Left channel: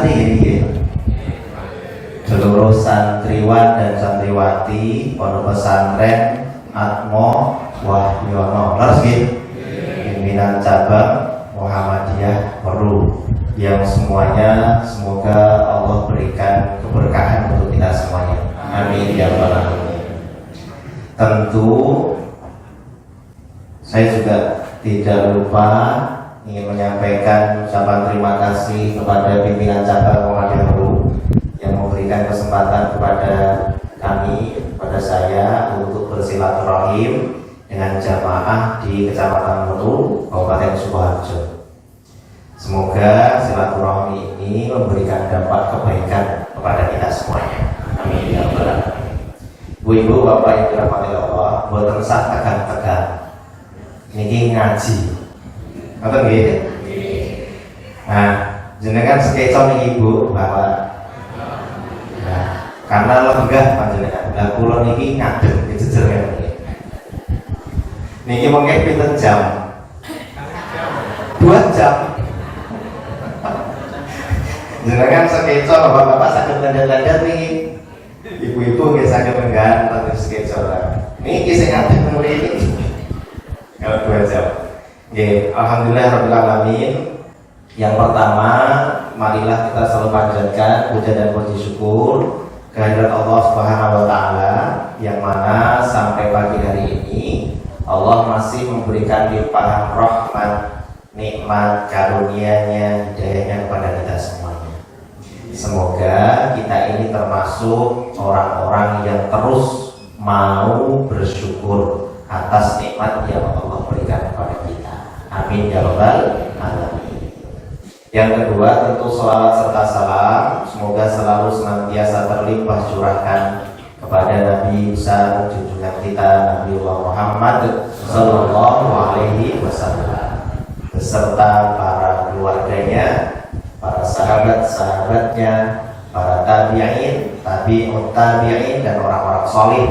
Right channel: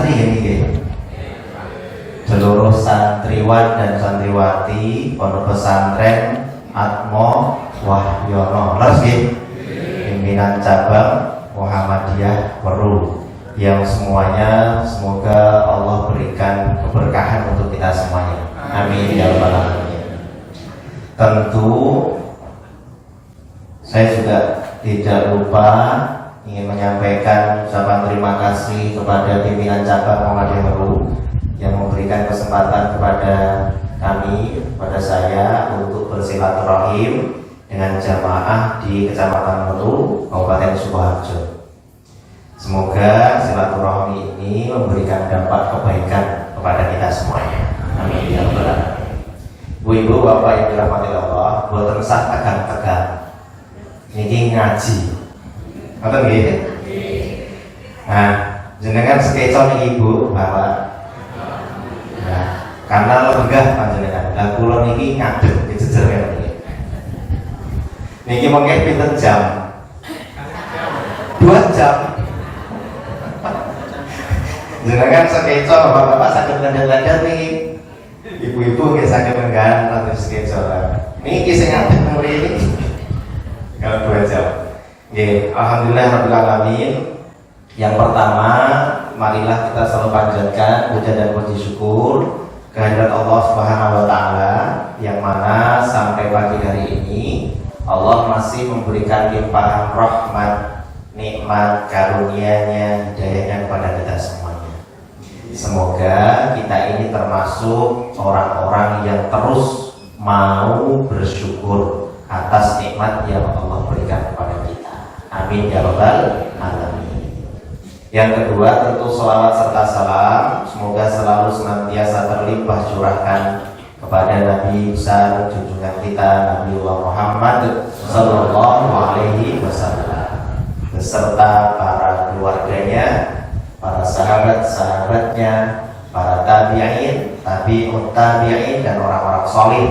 santri ini seluruh santriwan dan santriwati Pondok Pesantren Atmo Wahyono pimpinan cabang Muhammadiyah Peru, yang semuanya semoga Allah berikan keberkahan untuk kita semuanya, amin ya rabbal alamin. Tentu saya juga tidak lupa ingin menyampaikan ucapan terima kasih kepada pimpinan cabang Muhammadiyah Peru yang memberikan kesempatan kepada kami, kepada saya untuk bersilaturahim dengan jamaah di Kecamatan Mulu, Kabupaten Sukoharjo. Semoga silaturahmi ini memberikan dampak kebaikan kepada kita semuanya, amin ya rabbal alamin. Bu-ibu, bapak yang dirahmati Allah, boten sah tegang-tegang niki ngaji. Ngoten nggih? Nah, jenengan sekecon niki Bu, Bapak. Karena lenggah panjenengan. Lah kula niki ngadeg dijejer ngene. Niki mengke pinten jam? 2 jam. Jenengan sekeco Bapak-bapak saged lenggah-lenggah niki. Ibu-ibu nggih saged lenggah tapi sekeco. Niki sing ngadeg niki. Kalau 2 jam. Nggih, alhamdulillah rabbil alamin. Yang pertama, marilah kita selalu panjatkan puja dan puji syukur kehadirat Allah Subhanahu wa taala, yang mana sampai pagi hari ini Allah masih memberikan limpahan rahmat, nikmat, karunia-Nya, hidayah-Nya kepada kita semuanya. Semoga kita ini termasuk orang-orang yang terus mau bersyukur atas nikmat yang Allah berikan kepada kita. Amin ya rabbal alamin. Yang kedua, tentu sholawat serta salam semoga selalu senantiasa terlimpah curahkan kepada Nabi besar junjungan kita Nabi Muhammad Sallallahu Alaihi Wasallam beserta para keluarganya, para sahabat-sahabatnya, para tabi'in, tabi'ut tabi'in, dan orang-orang solih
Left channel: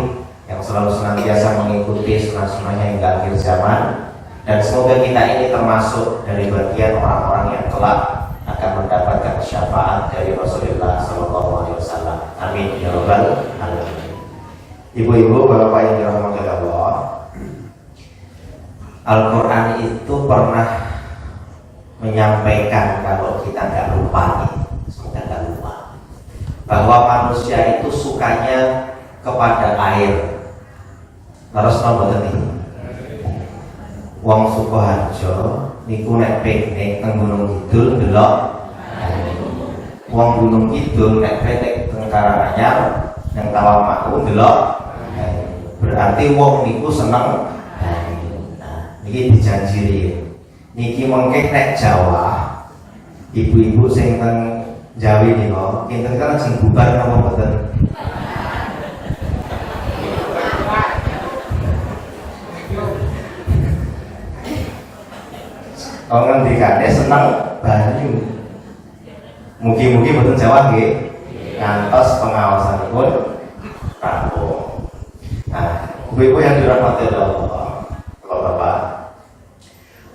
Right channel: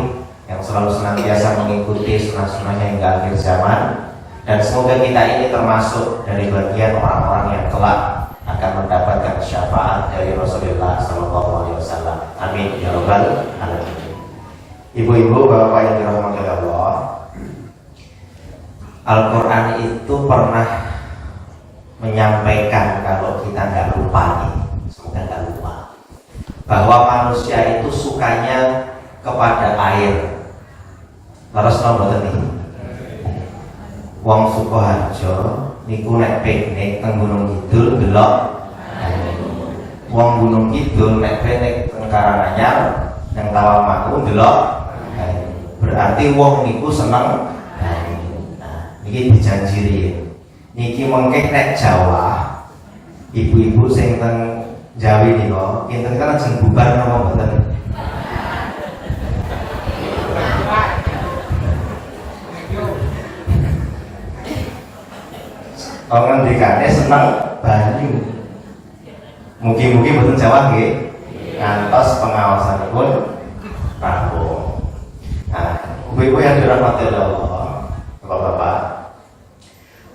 yang selalu senantiasa mengikuti sunnah-sunnahnya hingga akhir zaman. Dan semoga kita ini termasuk dari bagian orang-orang yang kelak akan mendapatkan syafaat dari Rasulullah SAW. Amin ya rabbal alamin. Ibu-ibu, bapak-bapak yang dirahmati Allah, Al-Quran itu pernah menyampaikan, kalau kita nggak lupa nih, semoga nggak lupa, bahwa manusia itu sukanya kepada air. Harus nomor ini. Wong Sukoharjo niku nek piknik teng Gunung Kidul delok wong Gunung Kidul nek piknik teng Karanganyar nang Tawangmangu delok. Berarti wong niku seneng. Nah, niki dijanjiri. Niki mengke nek Jawa, ibu-ibu sing teng Jawi niku kinten kan sing bubar napa mboten? Orang dikane seneng banyu. Mugi-mugi boten Jawa nggih. Ngantos pengawasan pun rampung. Nah, ibu-ibu yang dirahmati Allah, Bapak-bapak,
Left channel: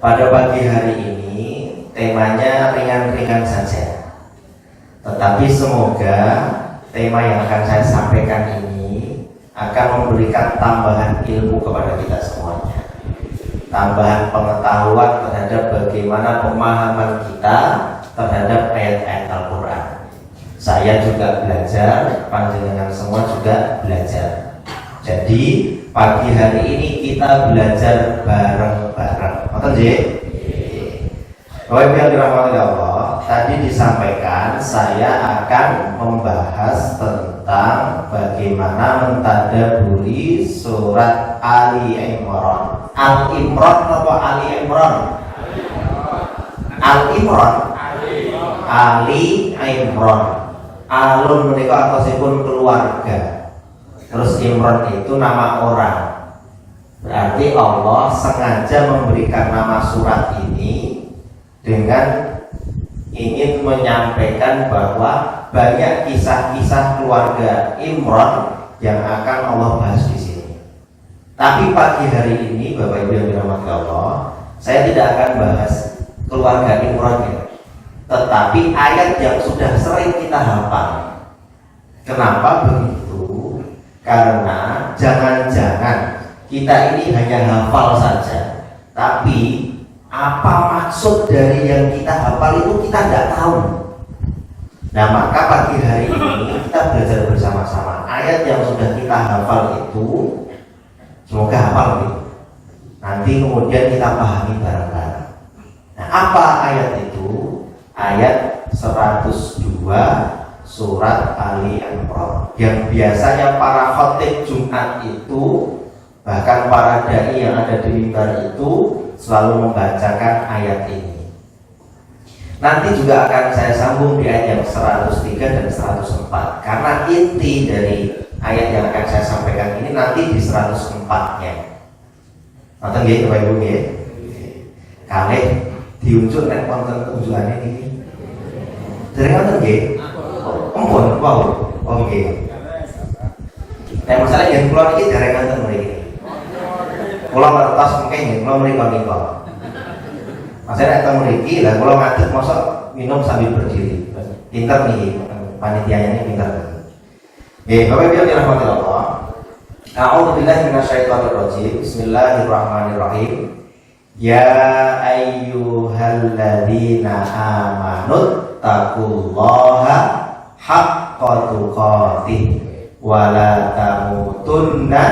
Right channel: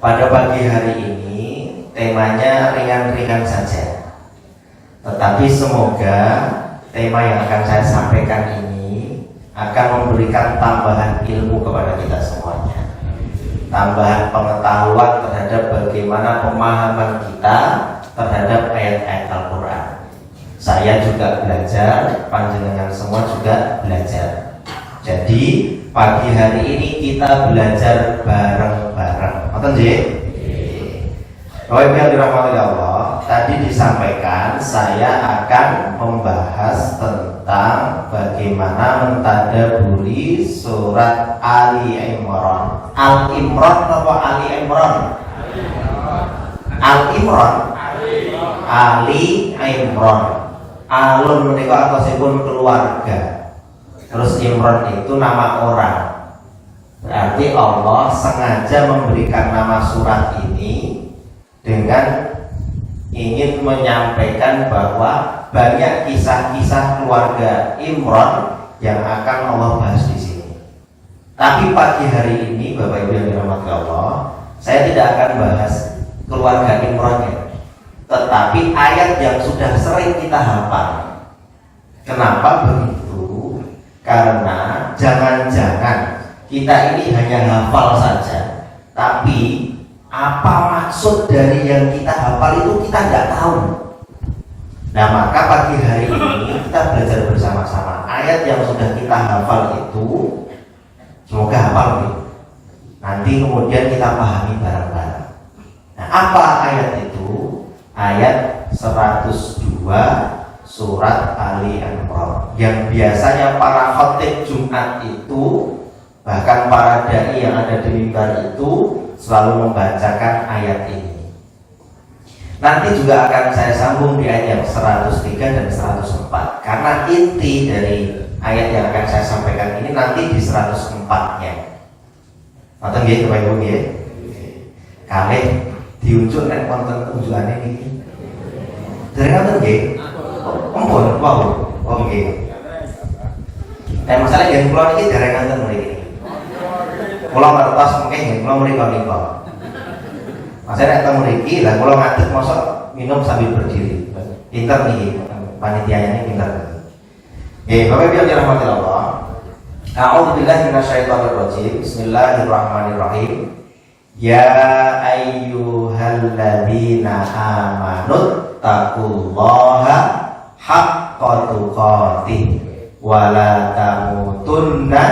pada pagi hari ini temanya ringan-ringan saja. Tetapi semoga tema yang akan saya sampaikan ini akan memberikan tambahan ilmu kepada kita semuanya, tambahan pengetahuan terhadap bagaimana pemahaman kita terhadap ayat-ayat Al-Quran. Saya juga belajar, panjenengan semua juga belajar. Jadi pagi hari ini kita belajar bareng-bareng. Betul nggih? Bapak Ibu yang dirahmati Allah, tadi disampaikan saya akan membahas tentang bagaimana mentadabburi surat Ali Imran. Al-Imran atau Ali Imran? Al-Imran. Ali Imran. Alun menika atosipun keluarga. Terus Imran itu nama orang. Berarti Allah sengaja memberikan nama surat ini dengan ingin menyampaikan bahwa banyak kisah-kisah keluarga Imran yang akan Allah bahas di sini. Tapi pagi hari ini, Bapak Ibu yang dirahmati Allah, saya tidak akan bahas keluarga Imran ya. tetapi ayat yang sudah sering kita hafal. Kenapa begitu? Karena jangan-jangan kita ini hanya hafal saja, tapi apa maksud dari yang kita hafal itu kita tidak tahu. Nah, maka pagi hari ini kita belajar bersama-sama ayat yang sudah kita hafal itu, semoga hafal gitu. Nanti kemudian kita pahami bareng-bareng. Nah, apa ayat itu? Ayat 102 surat Ali Imran, yang biasanya para khatib Jumat itu, bahkan para dai yang ada di mimbar itu selalu membacakan ayat ini. Nanti juga akan saya sambung di ayat yang 103 dan 104, karena inti dari ayat yang akan saya sampaikan ini nanti di 104-nya. Nanti nggih Bapak Ibu nggih. Kalih diunjuk nek wonten unjukane niki. Dereng wonten nggih. Ampun, wow. Oke. Nah, masalah yang kula niki dereng wonten mriki. Kula wertos mungkin yen kula mriko. Masalah nek teng mriki lah kula ngadeg mosok minum sambil berdiri. Pinter nih panitianya ini pinter. Bapak Ibu yang dirahmati Allah. A'udzu billahi minasyaitonir rajim. Bismillahirrahmanirrahim. Ya ayyuhalladzina amanu taqullaha haqqa tuqatih wa la tamutunna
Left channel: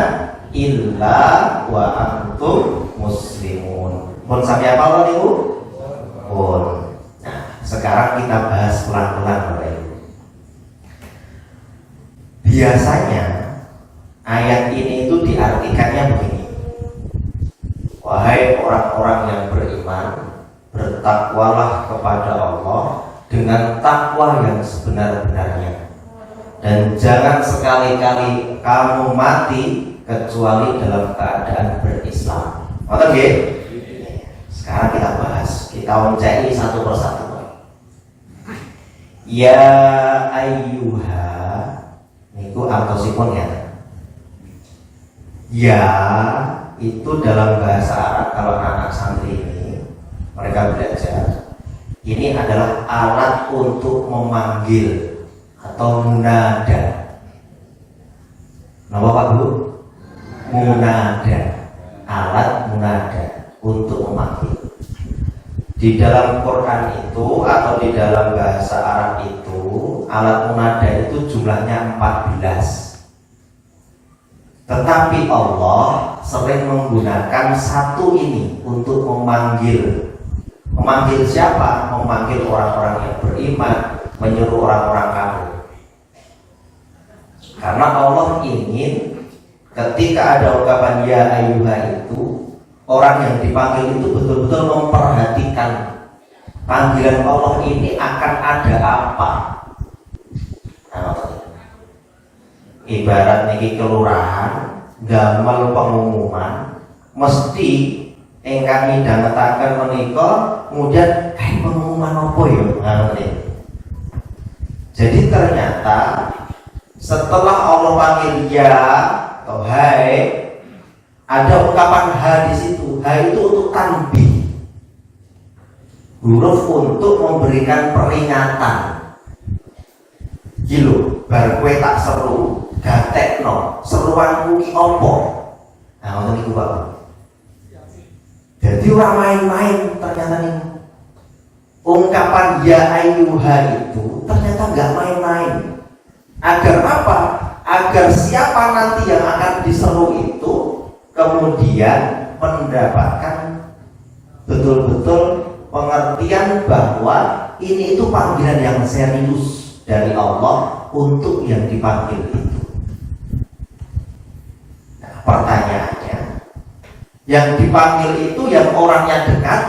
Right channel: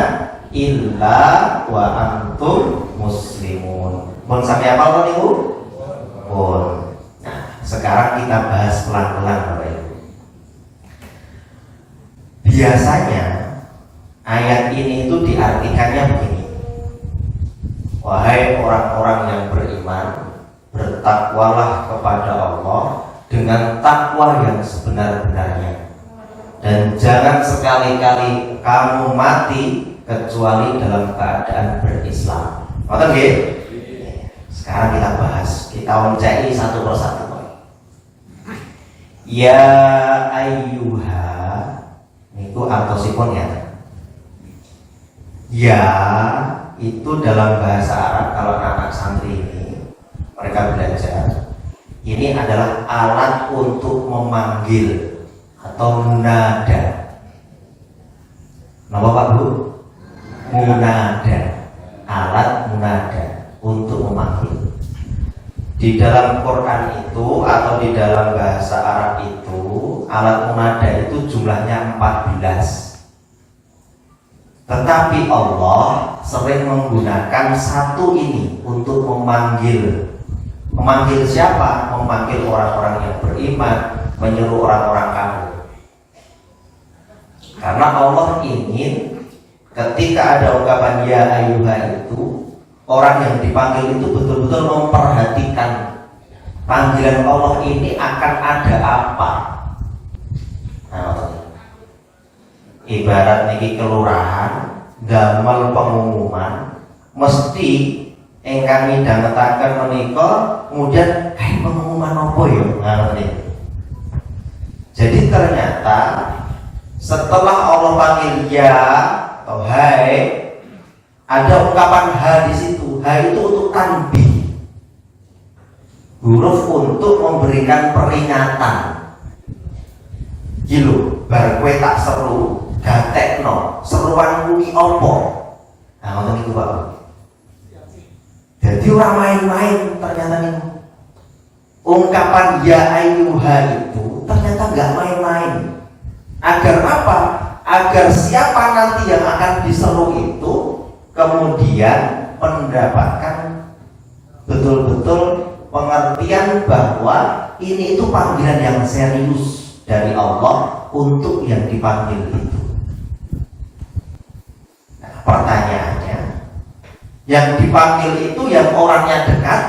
illa wa antum muslimun. Pun sampai apa niku? Pun. Nah, sekarang kita bahas pelan-pelan Bapak Ibu. Biasanya ayat ini itu diartikannya begini. Wahai orang-orang yang beriman, bertakwalah kepada Allah dengan takwa yang sebenar-benarnya, dan jangan sekali-kali kamu mati kecuali dalam keadaan berislam. Oke nggih? Sekarang kita bahas, kita mencari satu persatu. Ya ayyuha, niku antosipun ya. Ya itu dalam bahasa Arab, kalau anak santri ini mereka belajar, ini adalah alat untuk memanggil atau munada. Nama Pak Bu? Munada, alat munada untuk memanggil. Di dalam Quran itu atau di dalam bahasa Arab itu, alat munada itu jumlahnya 14. Tetapi Allah sering menggunakan satu ini untuk memanggil. Memanggil siapa? Memanggil orang-orang yang beriman, menyuruh orang-orang kafir. Karena Allah ingin ketika ada ungkapan ya ayyuha itu, orang yang dipanggil itu betul-betul memperhatikan panggilan Allah ini akan ada apa. Ibarat niki kelurahan damel pengumuman, mesti ingkang midhangetaken menika kemudian pengumuman apa ya? Jadi ternyata setelah Allah panggil ya atau hai, ada ungkapan ha di situ. Ha itu untuk tanbih, huruf untuk memberikan peringatan. Gilo, bar kowe tak seru, gatekno, seruan kuwi apa? Nah, ngoten niku Pak. Jadi orang main-main ternyata nih. Ungkapan ya ayyuha itu ternyata nggak main-main. Agar apa? Agar siapa nanti yang akan diseru itu kemudian mendapatkan betul-betul pengertian bahwa ini itu panggilan yang serius dari Allah untuk yang dipanggil itu. Nah, pertanyaannya, yang dipanggil itu yang orangnya dekat,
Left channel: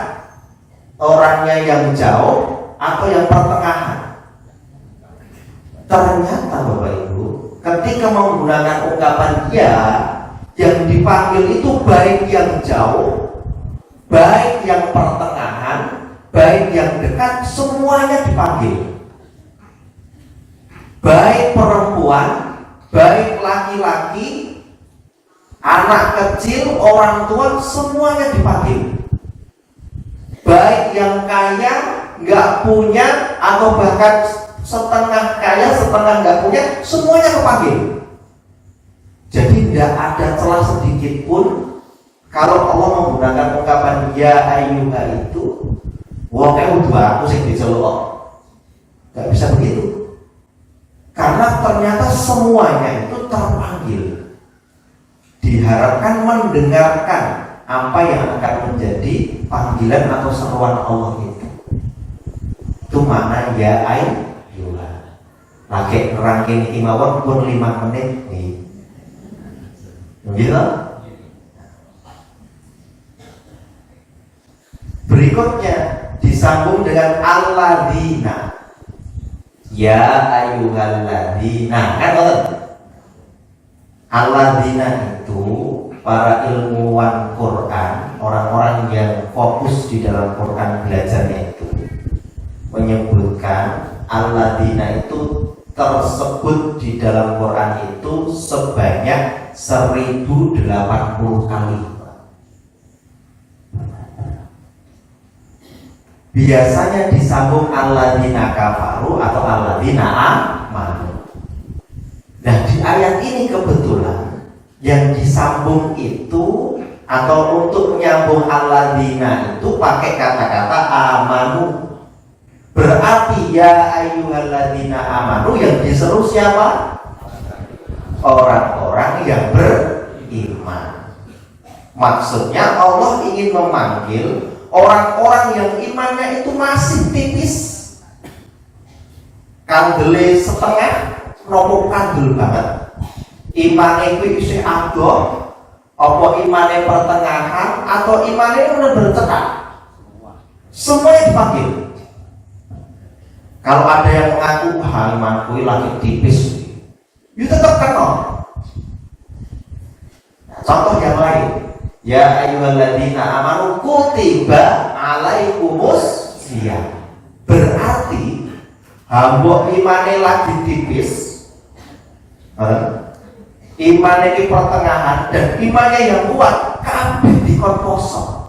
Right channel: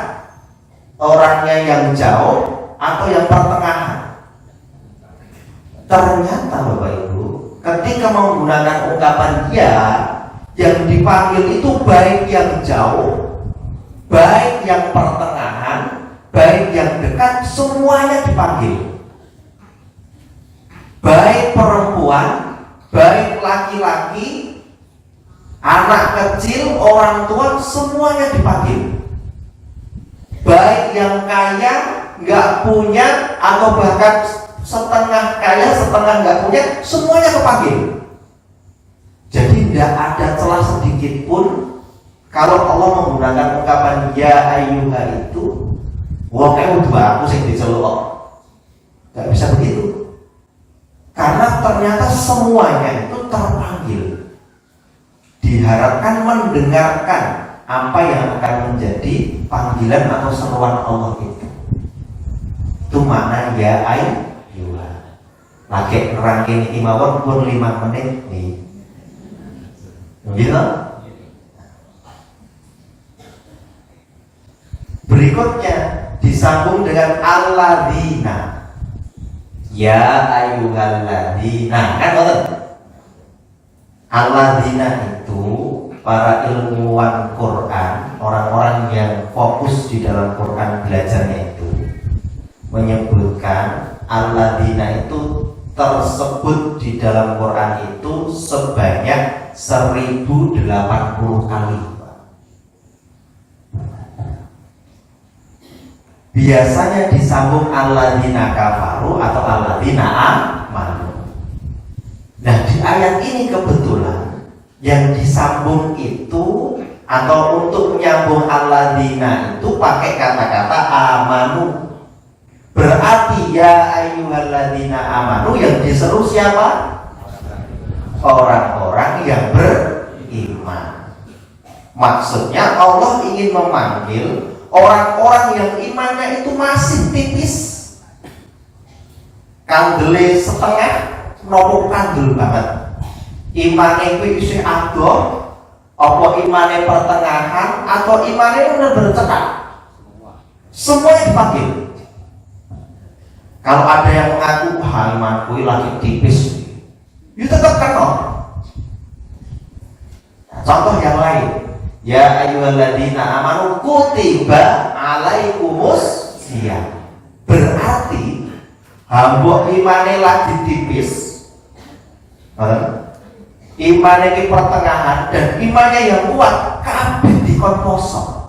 orangnya yang jauh, atau yang pertengahan? Ternyata Bapak Ibu, ketika menggunakan ungkapan ya, yang dipanggil itu baik yang jauh, baik yang pertengahan, baik yang dekat, semuanya dipanggil. Baik perempuan, baik laki-laki, anak kecil, orang tua, semuanya dipanggil. Baik yang kaya, nggak punya, atau bahkan setengah kaya, setengah nggak punya, semuanya kepanggil. Jadi tidak ada celah sedikit pun kalau Allah menggunakan ungkapan ya ayyuha itu, wong aku sing diceluk. Nggak bisa begitu. Karena ternyata semuanya itu terpanggil. Diharapkan mendengarkan apa yang akan menjadi panggilan atau seruan Allah itu. Itu makna ya ayyuha. Lagi rangking imawar pun 5 menit nih. Gitu. Berikutnya disambung dengan alladzina. Ya ayyuhalladzina. Kan alladzina itu para ilmuwan Quran, orang-orang yang fokus di dalam Quran belajarnya itu menyebutkan alladzina itu tersebut di dalam Quran itu sebanyak 1080 kali. Biasanya disambung alladzina kafaru atau alladzina amanu. Nah, di ayat ini kebetulan yang disambung itu atau untuk menyambung alladzina itu pakai kata-kata amanu. Berarti ya ayyuhalladzina amanu yang diseru siapa? Orang-orang yang beriman. Maksudnya Allah ingin memanggil orang-orang yang imannya itu masih tipis. Kandele setengah, nopo kandel banget. Imane itu isih adoh, apa imane pertengahan, atau imane benar-benar cekak. Semuanya dipanggil. Kalau ada yang mengaku imanku lagi tipis, itu tetap kenal. Contoh yang lain, ya ayyuhalladzina amanu kutiba alaikumus syiyam. Berarti hamba imane lagi tipis, imane di pertengahan, dan imane yang kuat kabeh dikon poso.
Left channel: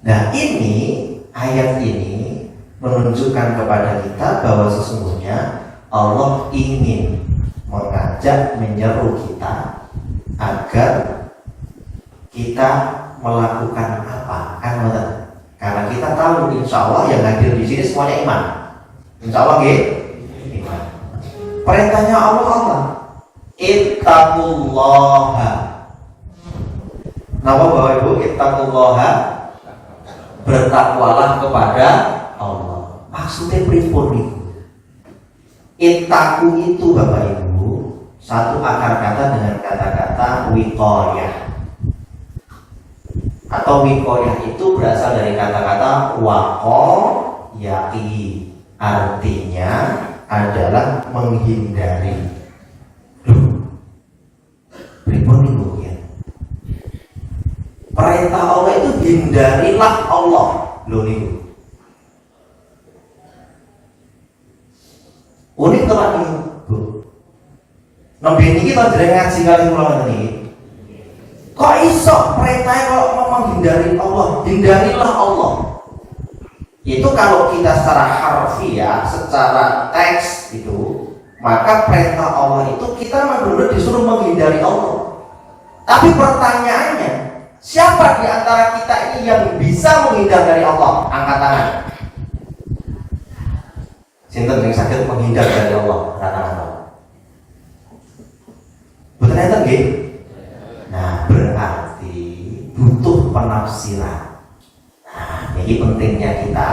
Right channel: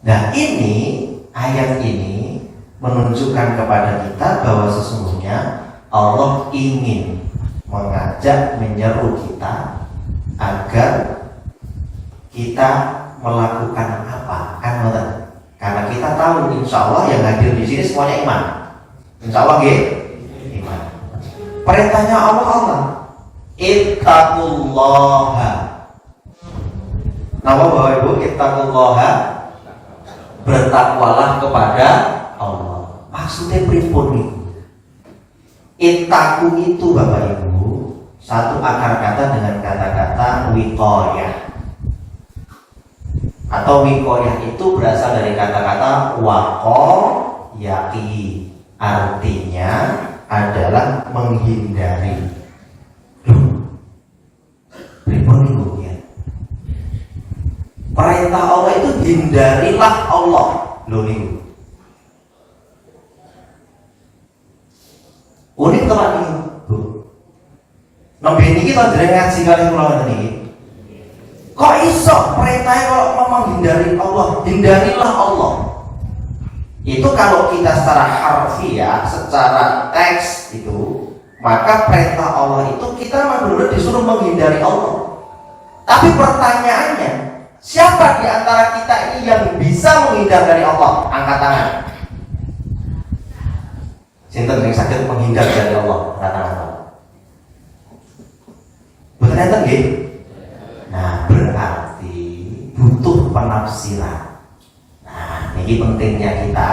Nah ini ayat ini menunjukkan kepada kita bahwa sesungguhnya Allah ingin mengajak, menyeru kita agar kita melakukan apa, kan? Karena kita tahu insya Allah yang hadir di sini semuanya iman. Insya Allah iman. Perintahnya Allah apa? Ittaqullaha. Nama Bapak Ibu, ittaqullaha, bertakwalah kepada Allah. Maksudnya pripun nih? Ittaqu itu Bapak Ibu satu akar kata dengan kata-kata wiqayah. Atau wiqayah itu berasal dari kata-kata waqayati. Artinya adalah menghindari. Pripun itu ya? Perintah Allah itu hindarilah Allah. Loh itu. Unik teman ini. Nabi ini kita dari ngaji kali mulai ini. Kok iso perintahnya kalau mau menghindari Allah, hindarilah Allah. Itu kalau kita secara harfiah, secara teks itu, maka perintah Allah itu kita benar-benar disuruh menghindari Allah. Tapi pertanyaannya, siapa di antara kita ini yang bisa menghindar dari Allah? Angkat tangan. Sinten yang sakit menghindar dari Allah? Angkat tangan. Betul nggih? Nah, berarti butuh penafsiran. Nah, ini pentingnya kita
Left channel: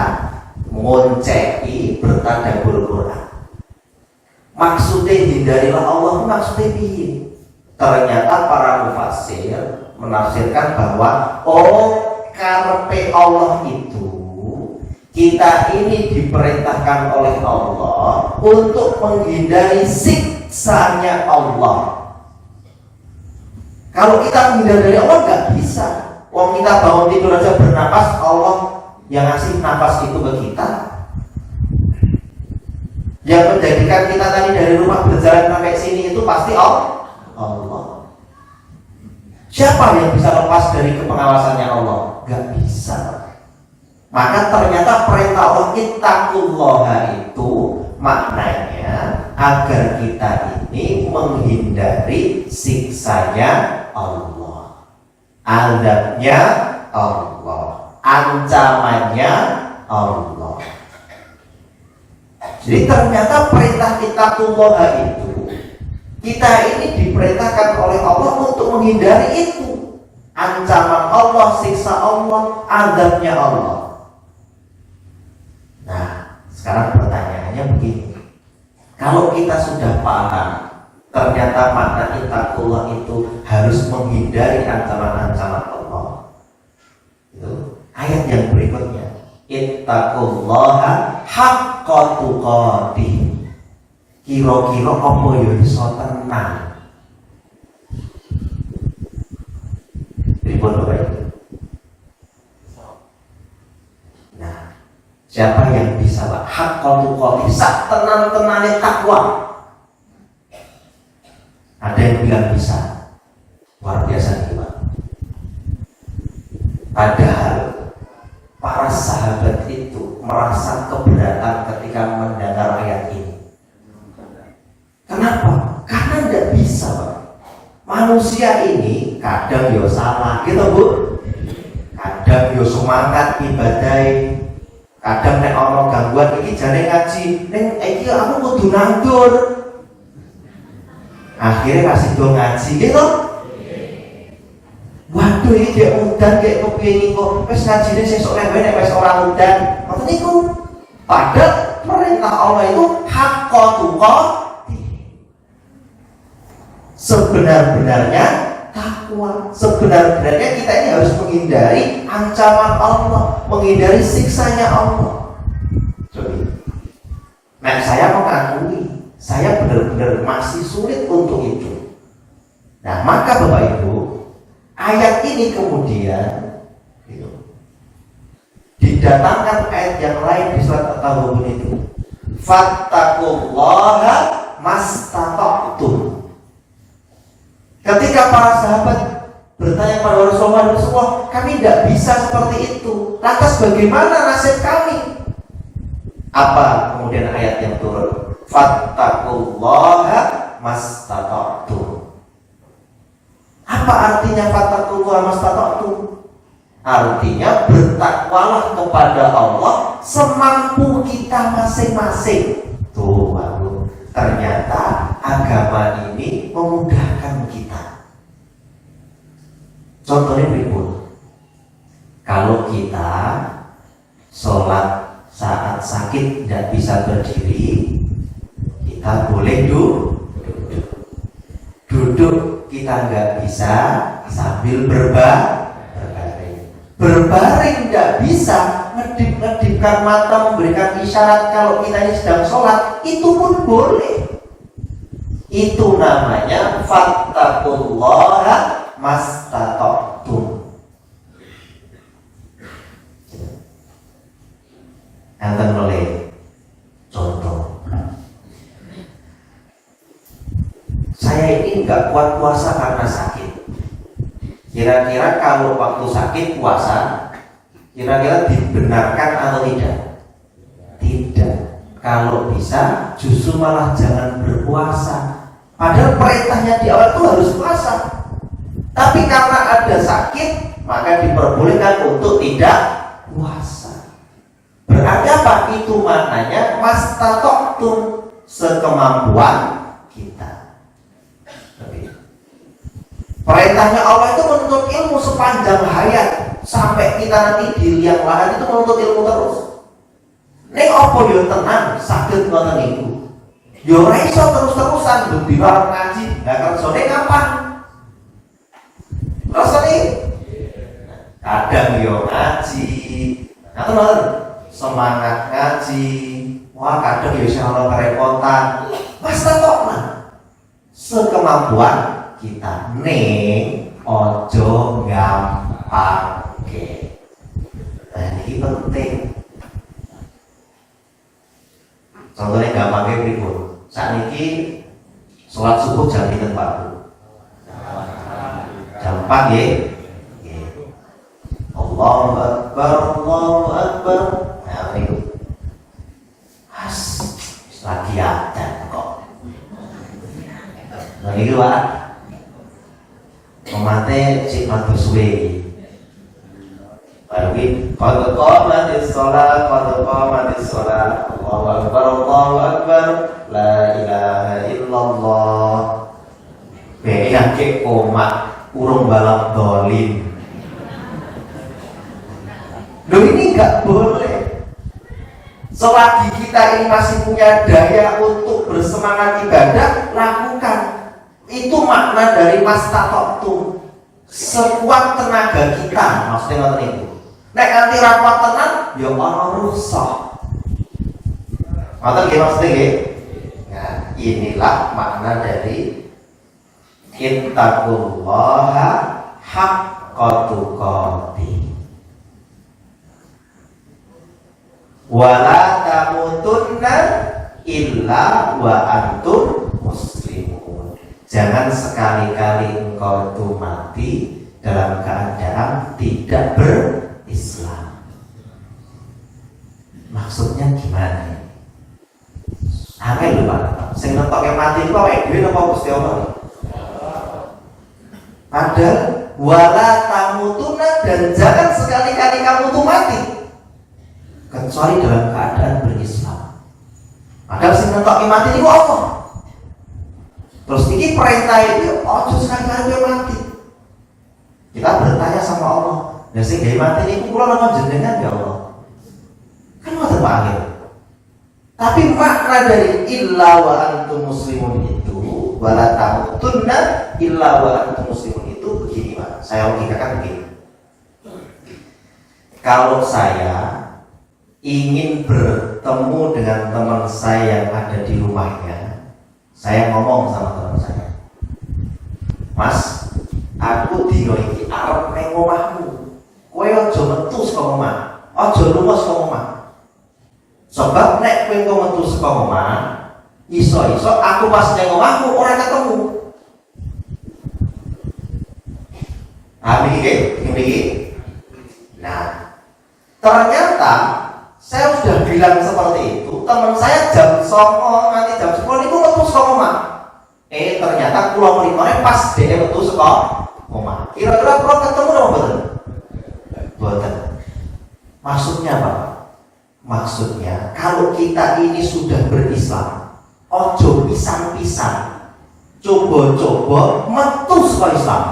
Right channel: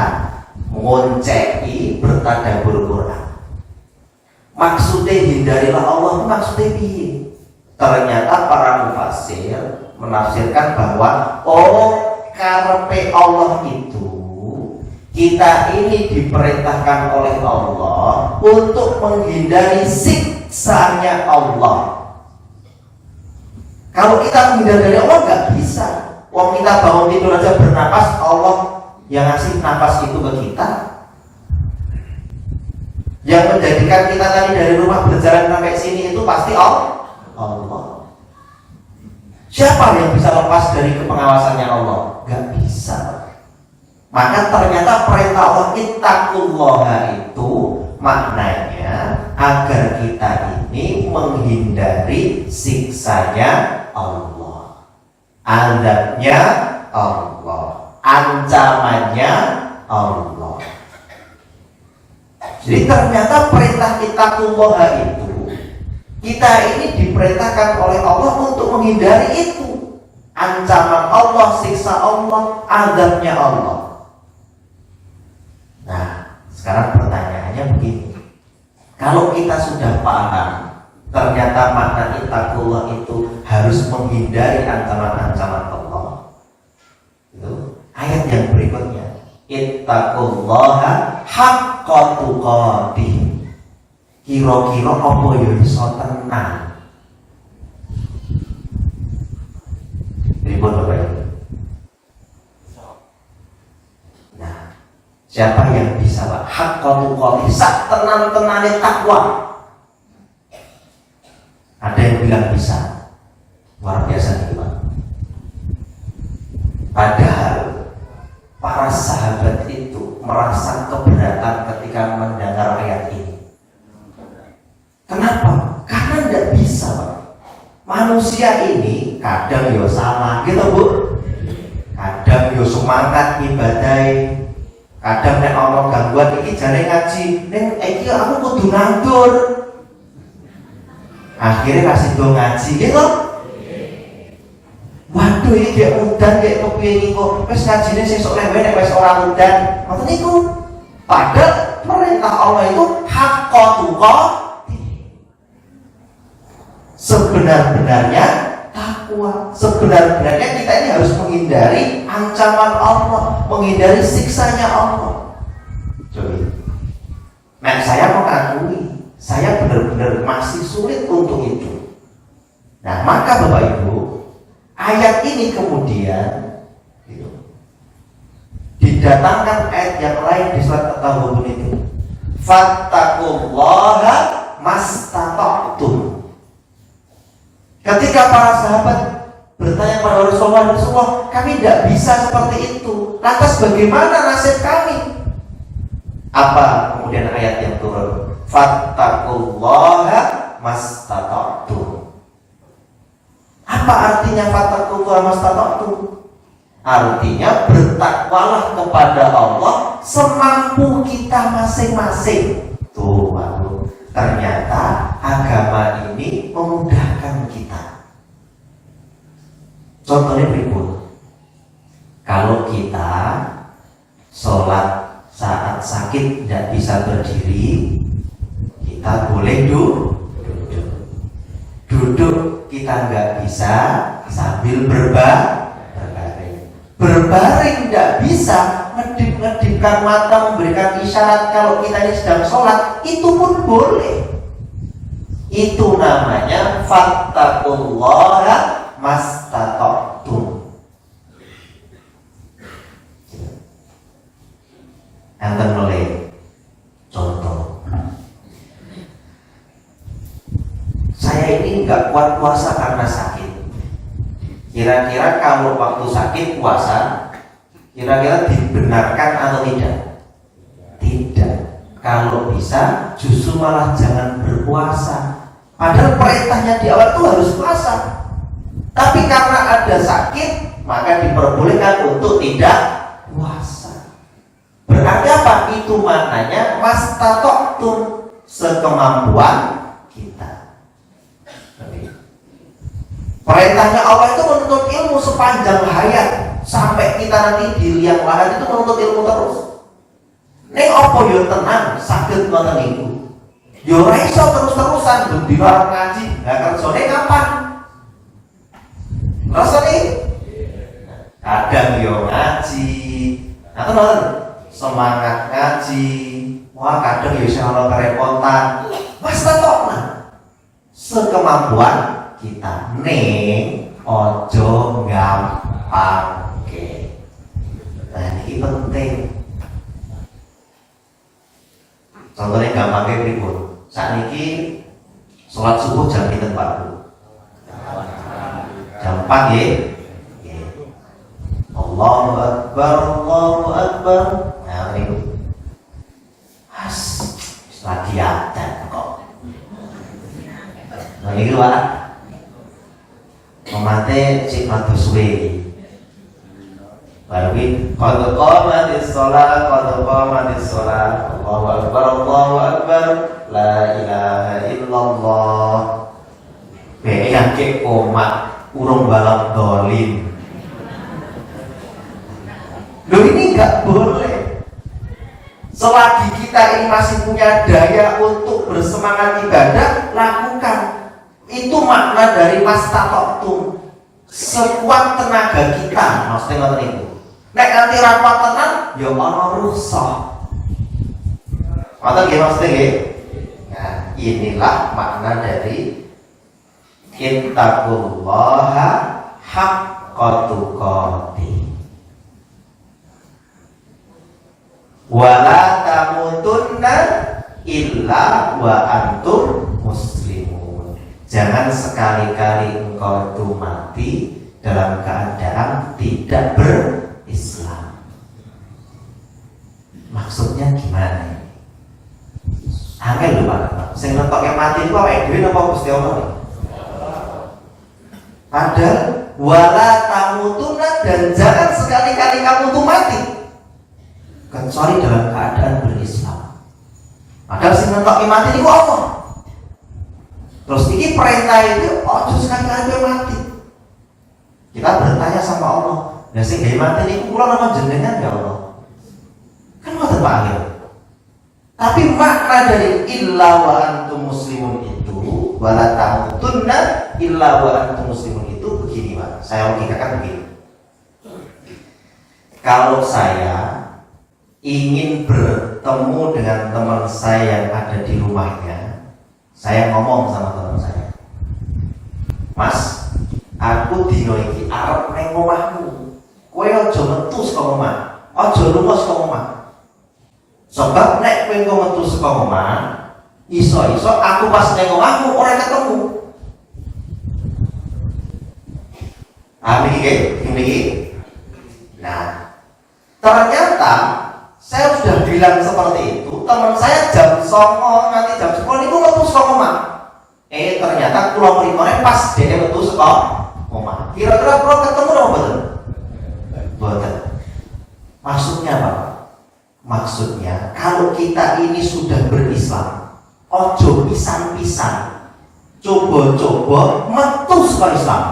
ngonceki bertadabbur Quran. Maksudnya hindarilah Allah, maksudnya piye? Ternyata para mufassir menafsirkan bahwa karepe Allah itu kita ini diperintahkan oleh Allah untuk menghindari siksanya Allah. Kalau kita menghindar dari Allah nggak bisa. Wong kita bangun tidur aja bernapas, Allah yang ngasih nafas itu ke kita. Yang menjadikan kita tadi dari rumah berjalan sampai sini itu pasti Allah. Siapa yang bisa lepas dari pengawasannya Allah? Gak bisa. Maka ternyata perintah Allah ittaqullaha itu maknanya agar kita ini menghindari siksanya Allah, azabnya Allah, ancamannya Allah. Jadi ternyata perintah ittaqullaha itu, kita ini diperintahkan oleh Allah untuk menghindari itu, ancaman Allah, siksa Allah, azabnya Allah. Nah, sekarang pertanyaannya begini, kalau kita sudah paham ternyata makna ittaqullah itu harus menghindari ancaman-ancaman Allah, itu ayat yang berikutnya, ittaqullaha haqqa tuqatih. Kira-kira apa ya iso tenang? Ribut Bapak. Nah, siapa yang bisa Pak? Haqqa tuqatih, sak tenang-tenangnya takwa. Ada yang bilang bisa. Luar biasa nih Pak. Padahal para sahabat itu merasa keberatan ketika mendengar ayat ini. Kenapa? Karena tidak bisa. Manusia ini kadang yo salah, gitu Bu. Kadang yo semangat ibadai. Kadang nek ngomong gangguan iki jare ngaji, ning iki aku kudu nganggur. Akhirnya kasih do ngaji gitu. Waduh iki dia udan kayak kepiye iki kok wis ngajine sesuk lembe nek wis ora udan. Ngoten niku. Padahal perintah Allah itu haqqa tuqatih. Sebenar-benarnya takwa, sebenar-benarnya kita ini harus menghindari ancaman Allah, menghindari siksanya Allah. Coba, nah saya mengakui, saya benar-benar masih sulit untuk itu. Nah maka Bapak Ibu, ayat ini kemudian didatangkan ayat yang lain di surat At-Taghabun itu, fattaqullaha mastata'tum. Ketika para sahabat bertanya pada Rasulullah, kami tidak bisa seperti itu. Lantas bagaimana nasib kami? Apa kemudian ayat yang turun? Fattaqullaha mastata'tum. Apa artinya fattaqullaha mastata'tum? Artinya bertakwalah kepada Allah semampu kita masing-masing. Tuh, Pak. Ternyata agama ini memudahkan kita. Contohnya berikut. Kalau kita sholat saat sakit tidak bisa berdiri, kita boleh duduk. Duduk kita nggak bisa sambil berbaring. Berbaring tidak bisa, ngedip-ngedipkan mata, memberikan isyarat kalau kita ini sedang sholat, itu pun boleh. Itu namanya fattaqullaha mastata'tum. Enten mulai contoh. Saya ini nggak kuat puasa karena sakit. Kira-kira kalau waktu sakit puasa, kira-kira dibenarkan atau tidak? Tidak. Kalau bisa, justru malah jangan berpuasa. Padahal perintahnya di awal itu harus puasa. Tapi karena ada sakit, maka diperbolehkan untuk tidak puasa. Berarti apa? Itu maknanya mastata'tum, sekemampuan kita. Perintahnya Allah itu menuntut ilmu sepanjang hayat, sampai kita nanti di liang lahat itu menuntut ilmu terus. Nek apa yo tenang sakit ngoten niku. Yo ora iso terus-terusan ben diwak ngaji. Lah kerjane kapan? Rasane kadang yo ngaji. Atau ngoten semangat ngaji. Wah kadang yo iso ana kerepotan. Mas tatokna sekemampuan kita ning ojo gampangke. Nah ini penting. Contohnya gampangnya berikut. Saat ini sholat subuh jam pinten Pak Bu? Jam gampang ya. Allahu Akbar, Allahu Akbar. Nah itu lagi ada kok. Nah itu lah memate cik matus suwe. Tapi kalau qamatis shalah, Allahu Akbar, Allahu Akbar, la ilaha illallah. Yang ke komat urung balap dolim. Loh ini nggak boleh. Selagi kita ini masih punya daya untuk bersemangat ibadah, lakukan. Itu makna dari mastata'tum. Sekuat tenaga kita, maksudnya ngerti itu. Nek nanti rapat tenang, ya Allah rusak. Maka maksudnya ya, inilah makna dari ittaqullaha haqqa tuqatih wa la tamutunna illa wa antum muslimun. Jangan sekali-kali engkau itu mati dalam keadaan tidak berislam. Maksudnya gimana? Angel lho Pak. Sing ngetoknya mati itu kayak duit apa Gusti Allah? Ada wala tamutuna, dan jangan sekali-kali kamu tuh mati kecuali dalam keadaan berislam. Padahal sing ngetoknya mati itu apa? Terus ini perintah itu sekali-kali mati. Kita bertanya sama Allah, ya sing gawe mati niku kula nama jenengan ya Allah. Kan mboten panggil. Tapi makna dari illa wa antum muslimun itu, wala tamutunna illa wa antum muslimun itu begini Pak. Saya logikakan begini. Kalau saya ingin bertemu dengan teman saya yang ada di rumahnya, saya ngomong sama teman saya, Mas, aku dino iki arep nang omahmu. Kowe aja metu saka omah, aja lunga saka omah. Sebab nek kowe metu saka omah, iso-iso aku pas nang omahmu ora ketemu. Iki. Nah, ternyata saya sudah bilang seperti itu. Teman saya jam 09.00 nanti jam 10 itu metu saka omah. Ternyata pulau primornya pas dia metu saka omah. Kira-kira pulau ketemu dong betul? Betul. Maksudnya apa? Maksudnya kalau kita ini sudah berislam, ojo pisang-pisang, coba-coba metu saka Islam.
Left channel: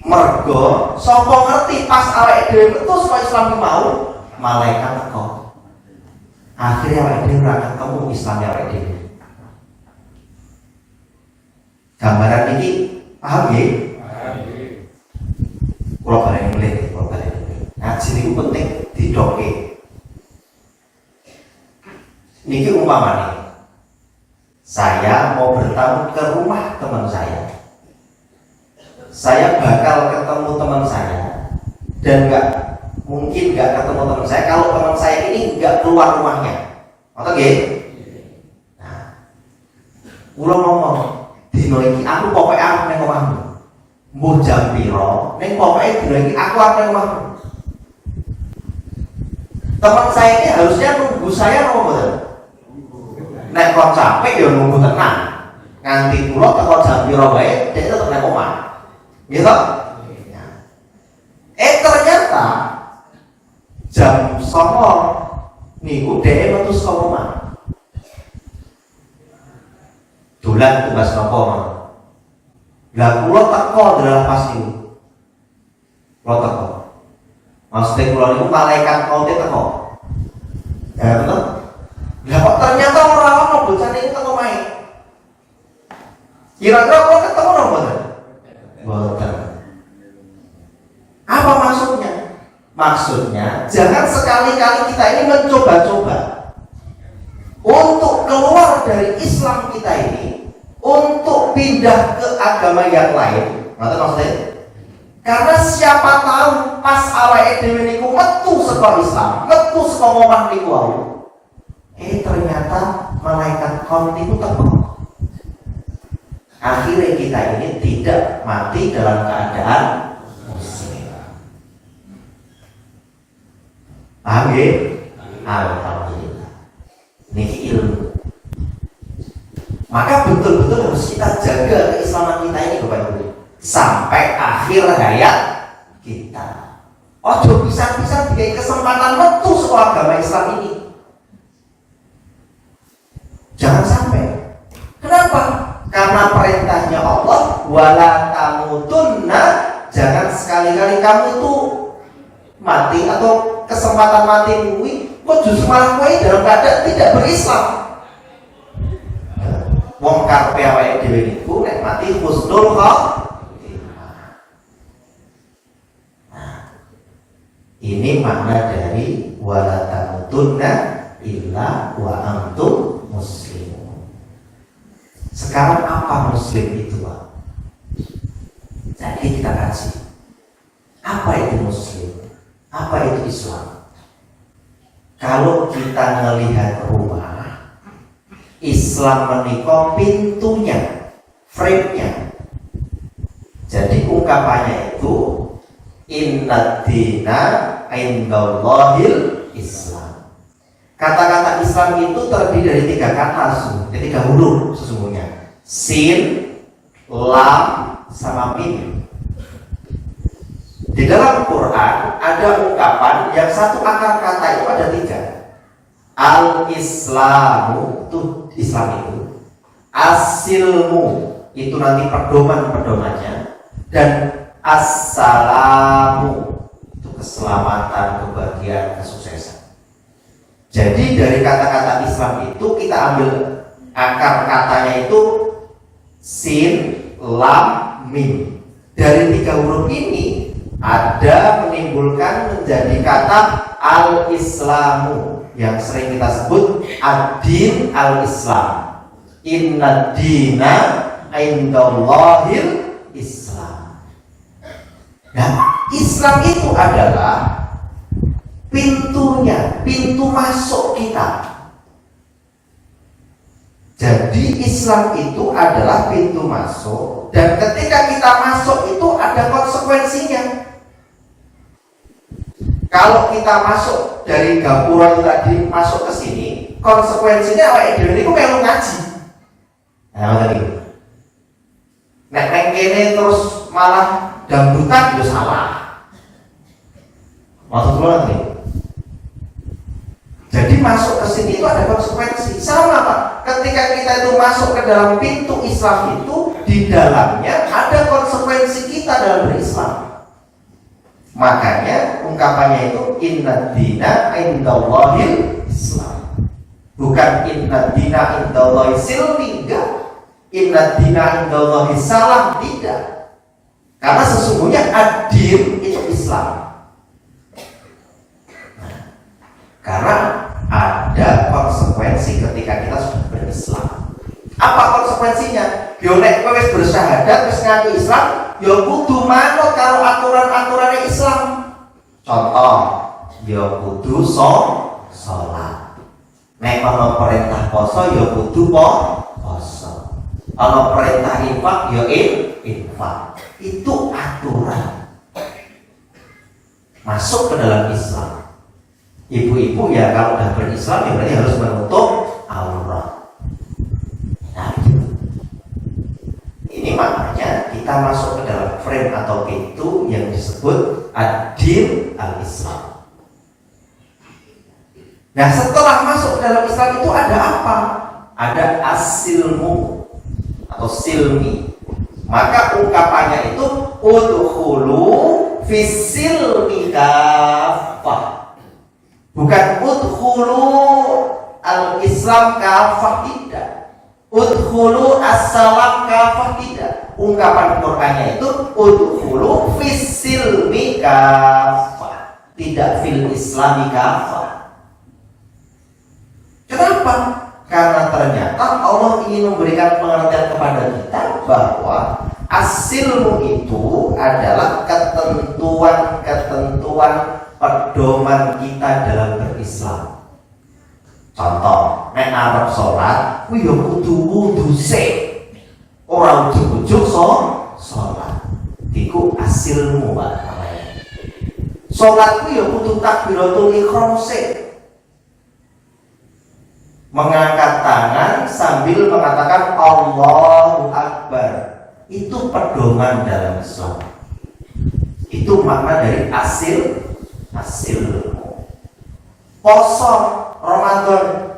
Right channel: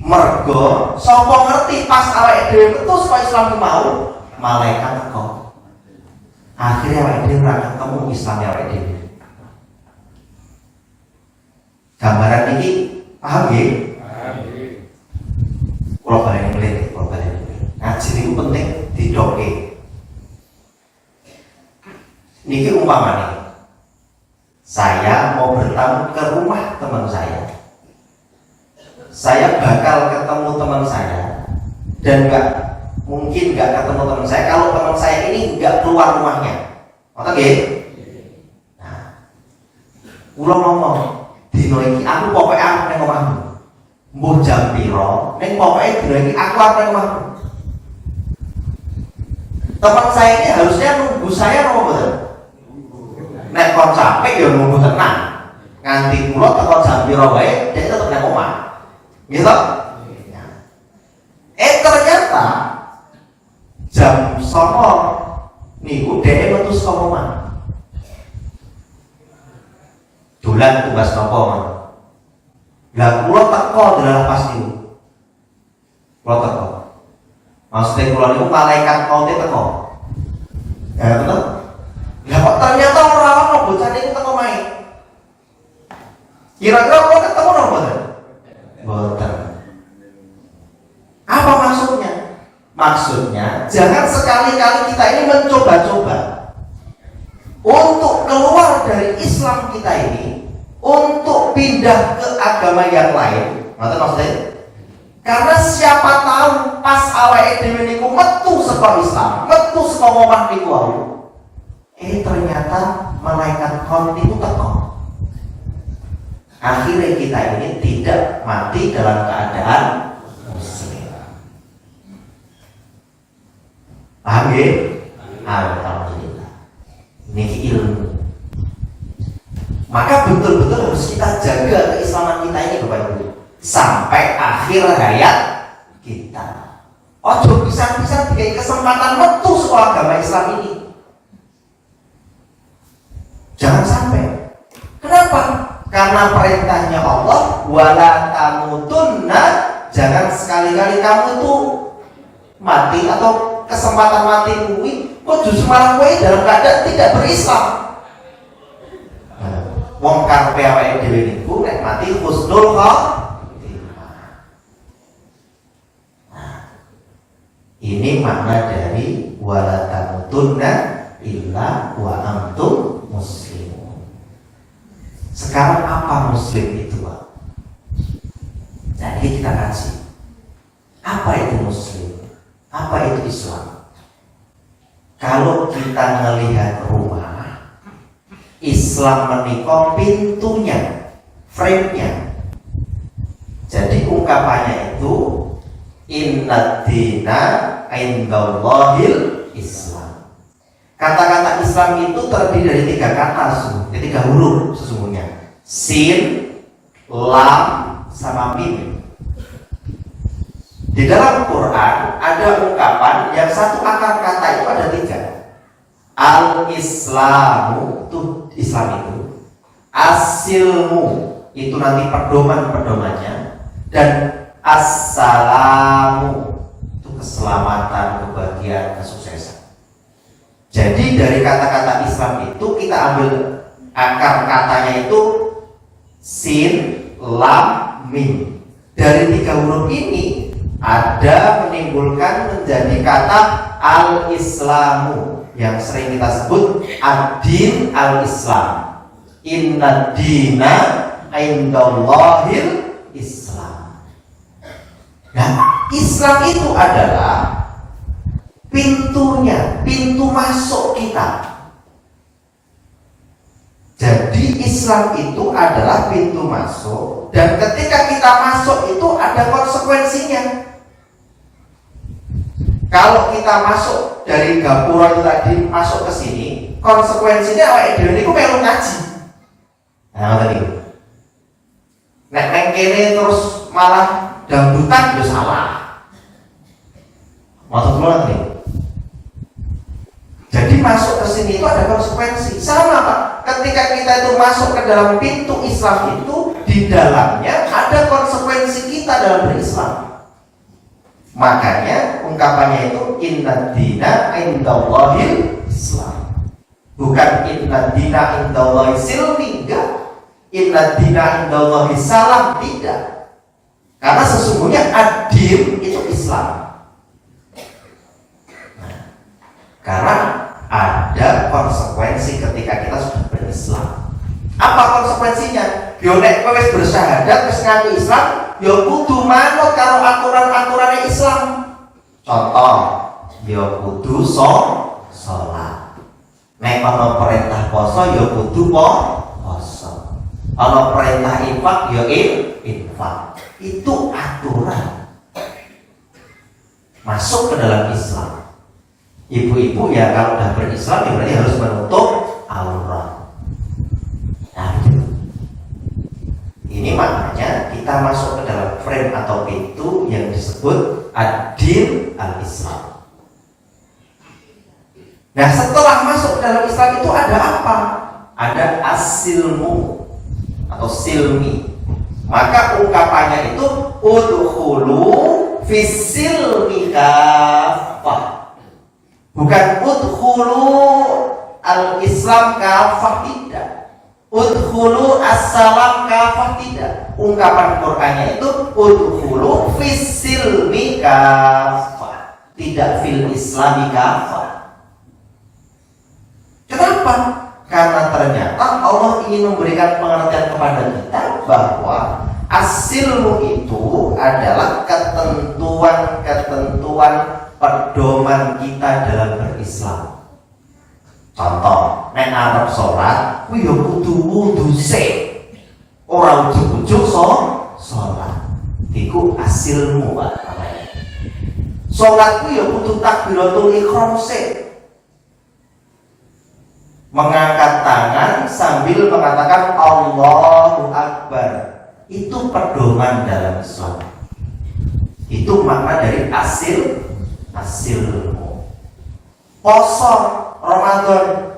Mergo sapa ngerti pas awake dhewe metu saka Islam mau malaikat kok. Akhirnya awake dhewe ora ketemu Islam awake dhewe. Gambaran ini paham ya? Paham. Kalau kalian mulai, ngaji ini penting didoke. Niki umpama nih, saya mau bertamu ke rumah teman saya. Saya bakal ketemu teman saya, dan mungkin nggak ketemu teman saya kalau teman saya ini nggak keluar rumahnya. Oke? Nah, ulang ngomong. Dino iki aku pokoknya aku nang omahmu. Mbuh jam piro, ning pokoke dino iki aku arep nang omahmu. Teman saya ini harusnya nunggu saya apa mboten? Nek kok capek ya nunggu tenang. Nganti kula teko jam piro wae dhek tetep nang omah. Gitu? Ternyata jam 09.00 niku dhek metu saka omah. Dolan tugas nopo man. Lah kula teko dalam pas niku. Kula teko. Maksudnya kula niku malaikat maute teko. Ya betul. Lah kok ternyata ora ono bocah niku teko main. Kira-kira kok ketemu ora mboten? Mboten. Apa maksudnya? Maksudnya jangan sekali-kali kita ini mencoba-coba untuk keluar dari Islam kita ini, untuk pindah ke agama yang lain. Maksudnya, karena siapa tahu pas awake dhewe niku metu saka Islam, metu saka omah niku ternyata malaikat maut itu teko. akhirnya kita ini tidak mati dalam keadaan muslim. Paham ya? Alhamdulillah. Ini ilmu. Maka betul-betul harus kita jaga keislaman kita ini Bapak Ibu sampai akhir hayat kita. Ojo bisa-bisa diberi kesempatan waktu soal agama Islam ini. Jangan sampai. Kenapa? Karena perintahnya Allah, wala tamutunna, jangan sekali-kali kamu tuh mati atau kesempatan mati kuwi kok justru malah kowe dalam keadaan tidak berislam. Wong karepe awake dhewe niku nek mati husnul khotimah. Ini makna dari wala tamutunna illa wa antum muslimun. Sekarang apa muslim itu? Jadi kita kasih. Apa itu muslim? Apa itu Islam? Kalau kita melihat rumah, Islam menikah pintunya, frame-nya. Jadi ungkapannya itu inna dina indallahil Islam. Kata-kata Islam itu terdiri dari 3 kata, dari 3 huruf sesungguhnya. Sin, lam, sama mim. Di dalam Quran ada ungkapan yang satu akar kata itu ada 3. Al-Islamu itu Islam itu, As-Silmu itu nanti pedoman-pedomannya, dan As-Salamu itu keselamatan, kebahagiaan, kesuksesan. Jadi dari kata-kata Islam itu kita ambil akar katanya itu sin, lam, mim. Dari 3 huruf ini ada menimbulkan menjadi kata al-Islamu yang sering kita sebut ad-din al-Islam. Inna dina indallahil Islam. Nah, Islam itu adalah pintunya, pintu masuk kita. Jadi Islam itu adalah pintu masuk, dan ketika kita masuk itu ada konsekuensinya. Kalau kita masuk dari gapura tadi masuk ke sini, konsekuensinya apa? Ini kok kayak ngaji. Nah, tadi. Nek kene terus malah dangdutan itu salah. Maksud dulu nih. Jadi masuk ke sini itu ada konsekuensi. Sama Pak, ketika kita itu masuk ke dalam pintu Islam itu, di dalamnya ada konsekuensi kita dalam berislam. Makanya ungkapannya itu inna dina indallahil Islam. Bukan inna dina indallahil silmi, enggak. Inna dina indallahil salam, tidak. Karena sesungguhnya ad-din itu Islam. Karena ada konsekuensi ketika kita sudah berislam. Apa konsekuensinya? Yo nek kowe wis bersyahadat wis ngaku Islam, yo kudu manut karo aturan-aturan Islam. Contoh, yo kudu salat. Nek ana perintah poso yo kudu poso. Ana perintah infak yo infak. Itu aturan. Masuk ke dalam Islam. Ibu-ibu ya kalau sudah berislam ya berarti harus menutup aurat. Nah, ini maknanya kita masuk ke dalam frame atau pintu yang disebut ad-din al-Islam. Nah, setelah masuk ke dalam Islam itu ada apa? Ada as-silmu atau silmi. Maka ungkapannya itu udkhulu fis-silmi kafah. Bukan udkhulu al-Islam kafah, tidak. Udkhulu as-salam kafah, tidak. Ungkapan Qur'annya itu udkhulu fis-silmi kafah, tidak fil islami kafah. Kenapa? Karena ternyata Allah ingin memberikan pengertian kepada kita bahwa as-silmu itu adalah ketentuan-ketentuan pedoman kita dalam berislam. Contoh, nek arep salat, kuwi yo kudu wudu sik. Ora ujug-ujug sholat. Iku asilmu Pak. Sholat itu ya butuh takbiratul ihram sih. Mengangkat tangan sambil mengatakan Allahu Akbar. Itu pedoman dalam Islam. Itu makna dari asilmu. Poso Ramadan.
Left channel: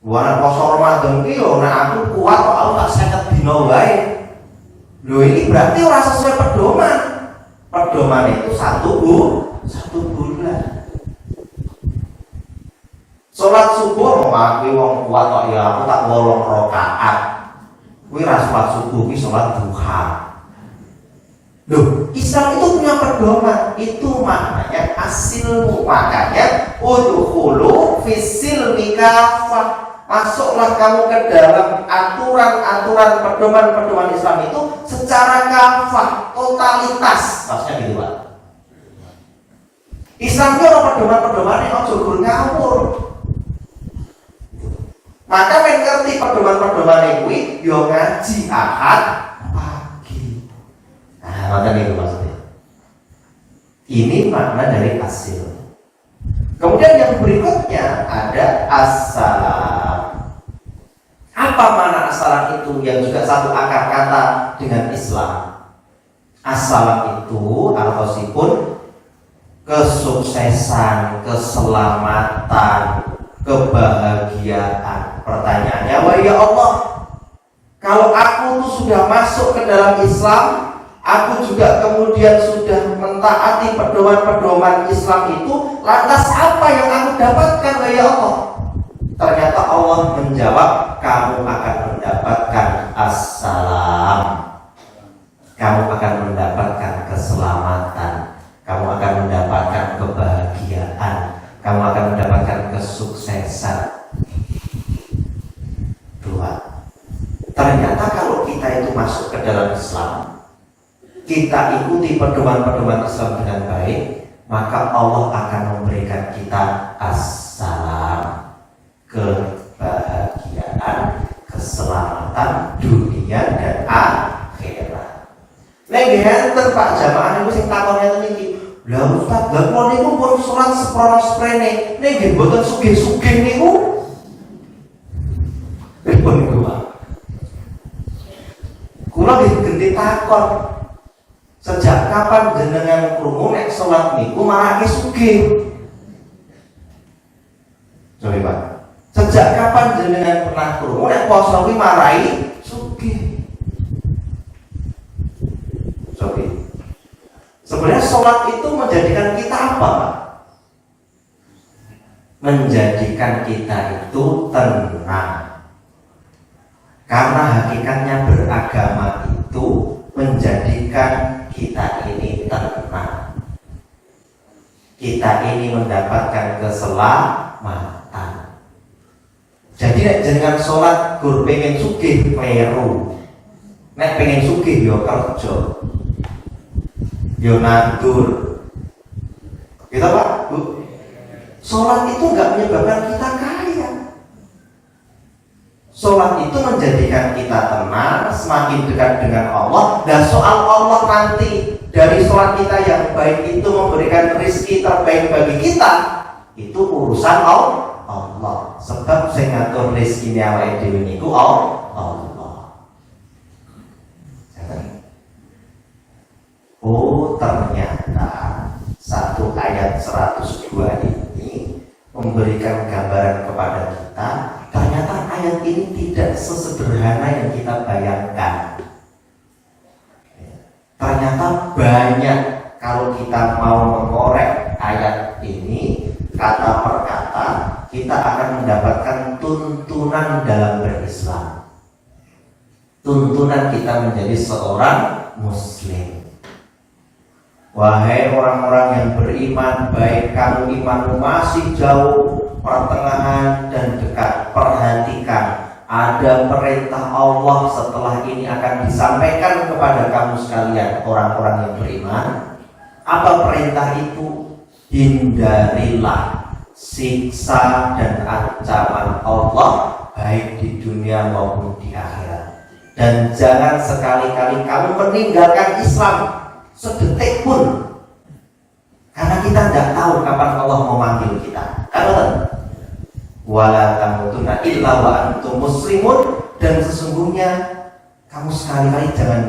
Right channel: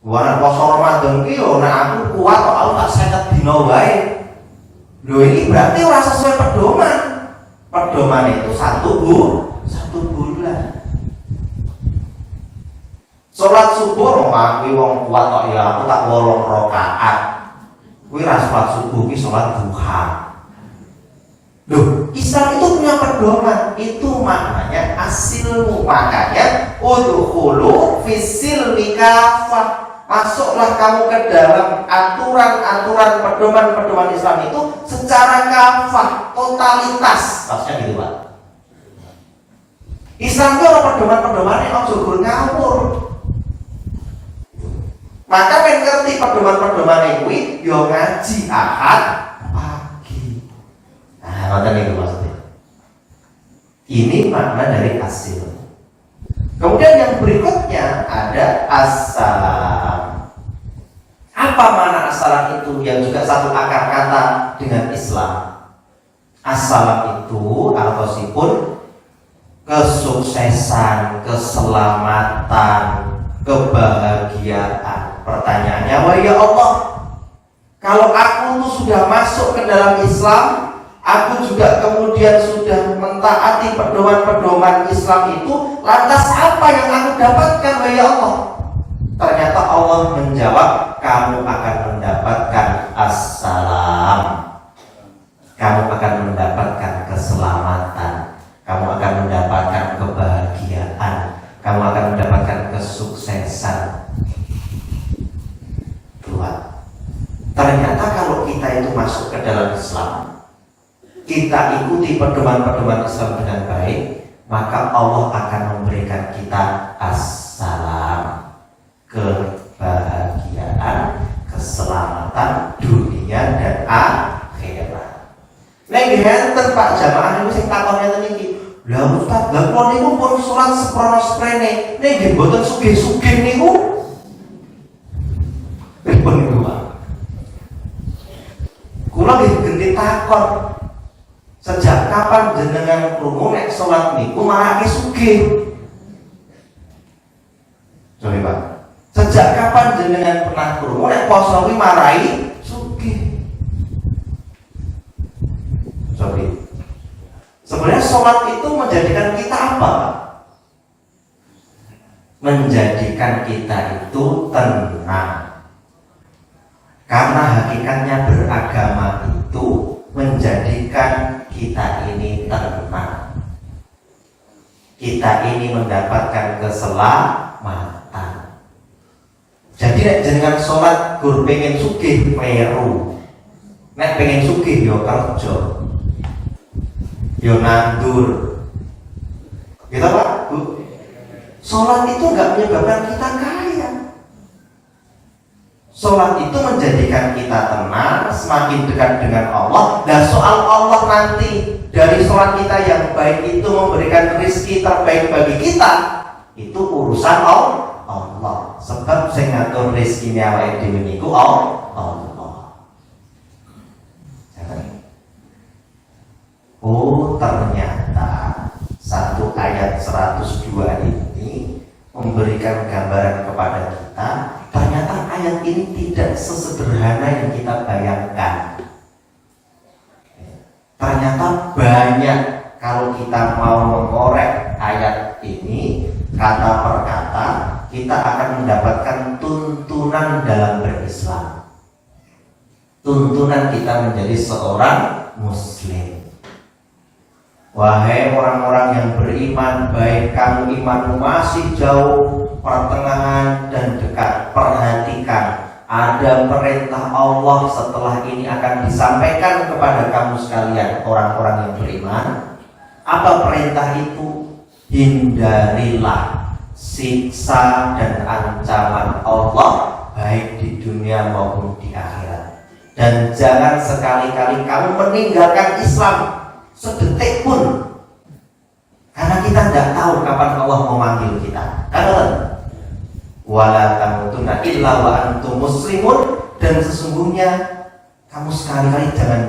Wah, poso Ramadan ki yo nek aku kuat kok aku tak 50 dina wae. Lho ini berarti ora sesuai pedoman. Pedoman itu satu bulan. Sholat subuh mengakui wong kuat kok ya aku tak 8 rakaat. Kuwi ra sholat subuh ki sholat duha. Loh, Islam itu punya pedoman. Itu maknanya asilmu. Makanya udkhulu fisil mikafah. Masuklah kamu ke dalam aturan-aturan pedoman-pedoman Islam itu secara kafah, totalitas. Maksudnya gitu Pak. Islam itu ada pedoman-pedoman yang ojo ngawur. Maka yang ngerti pedoman-pedoman ini yo ngaji ahad pagi. Nah, ngoten niku maksudnya. Ini makna dari asil. Kemudian yang berikutnya ada assalam. Apa makna assalam itu yang juga satu akar kata dengan Islam? Assalam itu alkosipun kesuksesan, keselamatan, kebahagiaan. Pertanyaannya, wah ya Allah, kalau aku tuh sudah masuk ke dalam Islam, aku juga kemudian sudah mentaati pedoman-pedoman Islam itu, lantas apa yang aku dapatkan, wah ya Allah? Ternyata Allah menjawab, kamu akan mendapatkan assalam, kamu akan mendapatkan keselamatan, kamu akan mendapatkan kebahagiaan, kamu akan mendapatkan kesuksesan. Dua, ternyata kalau kita itu masuk ke dalam Islam, kita ikuti pedoman-pedoman Islam dengan baik, maka Allah akan memberikan kita assalam, kebahagiaan, keselamatan dunia dan akhirat. Nek ngenten Pak jamaah niku sing takonnya ten iki. Lah Ustaz, lha kok niku pun salat seprono-sprene, nek nggih mboten sugih-sugih niku. Pripun niku Pak? Kula nggih gendhe takon. Sejak kapan jenengan krungu nek salat niku marake sugih? Sorry Pak. Sejak kapan jenengan pernah krungu nek poso kuwi marai sugih? Sorry. Sebenarnya sholat itu menjadikan kita apa? Menjadikan kita itu tenang. Karena hakikatnya beragama itu menjadikan kita ini tenang. Kita ini mendapatkan keselamatan. Jadi nek jenengan sholat gur pengen sugih meru. Nek pengen sugih yo kerja. Yo nandur. Gitu Pak, Bu. Sholat itu enggak menyebabkan kita kaya. Sholat itu menjadikan kita tenang, semakin dekat dengan Allah. Dan soal Allah nanti dari sholat kita yang baik itu memberikan rezeki terbaik bagi kita, itu urusan Allah. Sebab saya ngatur rezeki awake dhewe niku Allah. Oh, ternyata satu ayat 102 ini memberikan gambaran kepada kita. Ternyata ayat ini tidak sesederhana yang kita bayangkan. Ternyata banyak kalau kita mau mengorek ayat ini kata per kata, kita akan mendapatkan tuntunan dalam berislam. Tuntunan kita menjadi seorang muslim. Wahai orang-orang yang beriman, baik kamu imanmu masih jauh, pertengahan dan dekat, perhatikan ada perintah Allah setelah ini akan disampaikan kepada kamu sekalian orang-orang yang beriman. Apa perintah itu? Hindarilah siksa dan ancaman Allah baik di dunia maupun di akhirat. Dan jangan sekali-kali kamu meninggalkan Islam sedetik pun, karena kita tidak tahu kapan Allah mau manggil kita. Karena wala tamutunna illa wa antum muslimun, dan sesungguhnya kamu sekali-kali jangan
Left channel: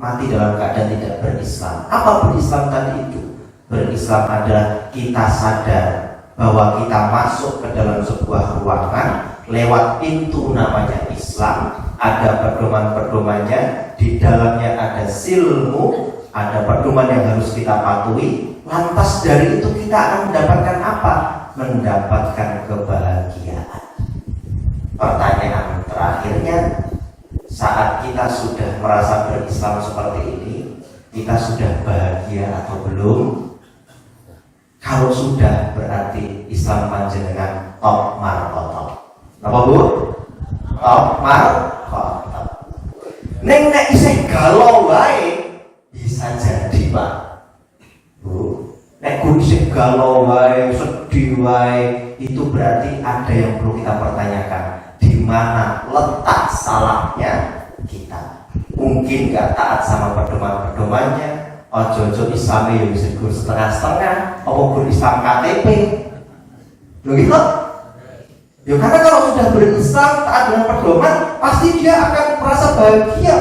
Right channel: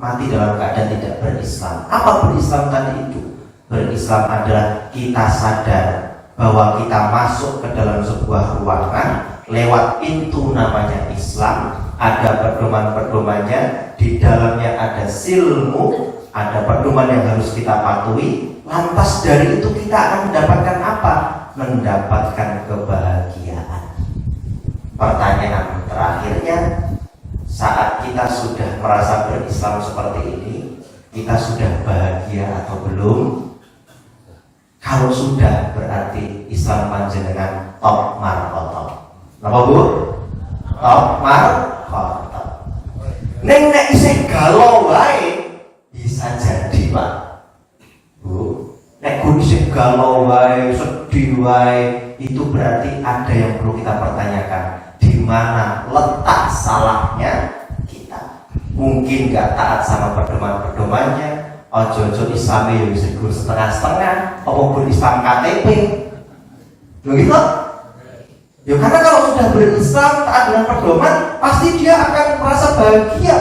mati dalam keadaan tidak berislam. Apa berislam tadi itu? Berislam adalah kita sadar bahwa kita masuk ke dalam sebuah ruangan lewat pintu namanya Islam, ada pedoman-pedomannya, di dalamnya ada silmu, ada pedoman yang harus kita patuhi. Lantas dari itu kita akan mendapatkan apa? Mendapatkan kebahagiaan. Pertanyaan terakhirnya, saat kita sudah merasa berislam seperti ini, kita sudah bahagia atau belum? Kalau sudah, berarti Islam panjenengan top martoto. Apa bu? Top martoto. Neng nek isih galau wae bisa jadi pak. Bu, nek isih galau wae, sedih wae, itu berarti ada yang perlu kita pertanyakan. Di mana letak salahnya kita? Mungkin gak taat sama pedoman-pedomannya. Ojo-ojo Islam yang bisa dikur setengah-setengah, apapun Islam KTP. Begitu? Ya karena kalau sudah berislam taat dengan pedoman, pasti dia akan merasa bahagia.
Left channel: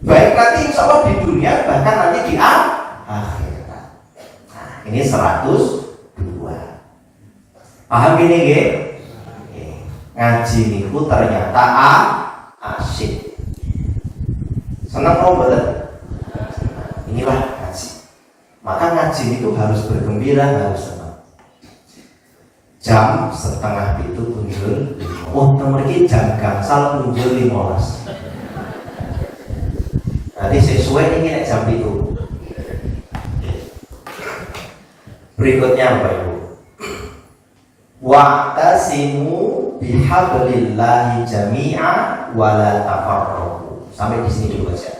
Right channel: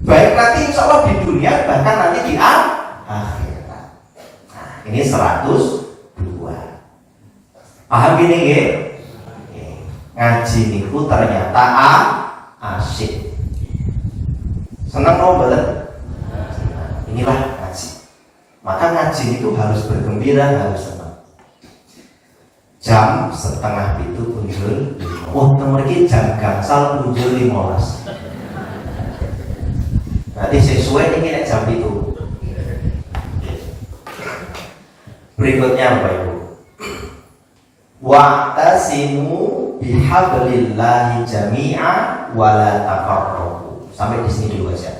Baik nanti insya Allah di dunia, bahkan nanti di akhirat. Nah, ini 102. Paham gini ya? Ngaji niku ternyata asyik. Senang dong betul? Inilah ngaji. Maka ngaji itu harus bergembira, harus senang. Jam 4:30 punjul. Oh, nomor ini jam gangsal punjul 15. Nanti sesuai ini nek jam itu. Berikutnya Bapak Ibu. Wa'tasimu bihablillahi jami'a wa la tafarraqu. Sampai di sini dulu aja.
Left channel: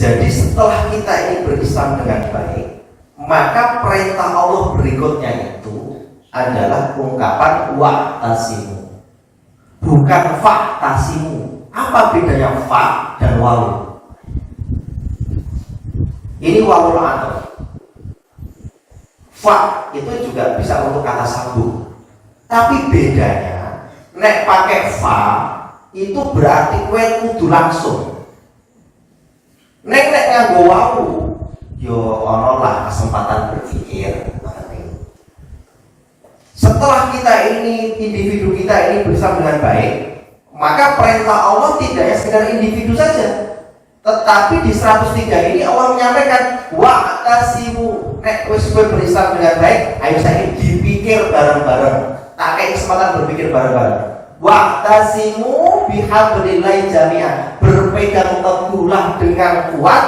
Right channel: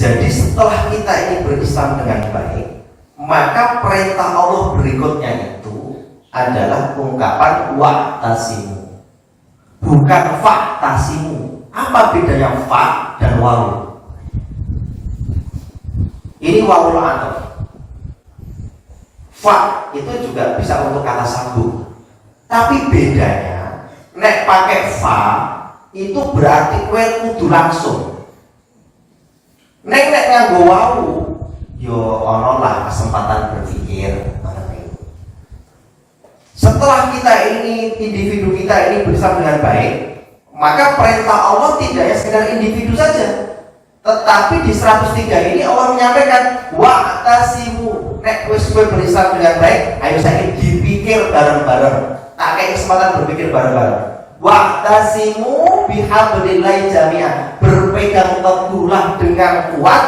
Jadi setelah kita ini berislam dengan baik, maka perintah Allah berikutnya itu adalah ungkapan wa'tasimu, bukan fa'tasimu. Apa bedanya fa dan waw? Ini wawul ataf. Fa itu juga bisa untuk kata sambung, tapi bedanya nek pakai fa itu berarti kue kudu langsung. Nek nganggo wau, yo ono lah kesempatan berpikir. Setelah kita ini, individu kita ini bersama dengan baik, maka perintah Allah tidak hanya sekedar individu saja, tetapi di 103 ini Allah menyampaikan wa'tasimu. Nek wis berislam dengan baik, ayo saya dipikir bareng-bareng. Tak kayak kesempatan berpikir bareng-bareng. Wa'tasimu bihablillahi jami'an, berpegang teguhlah dengan kuat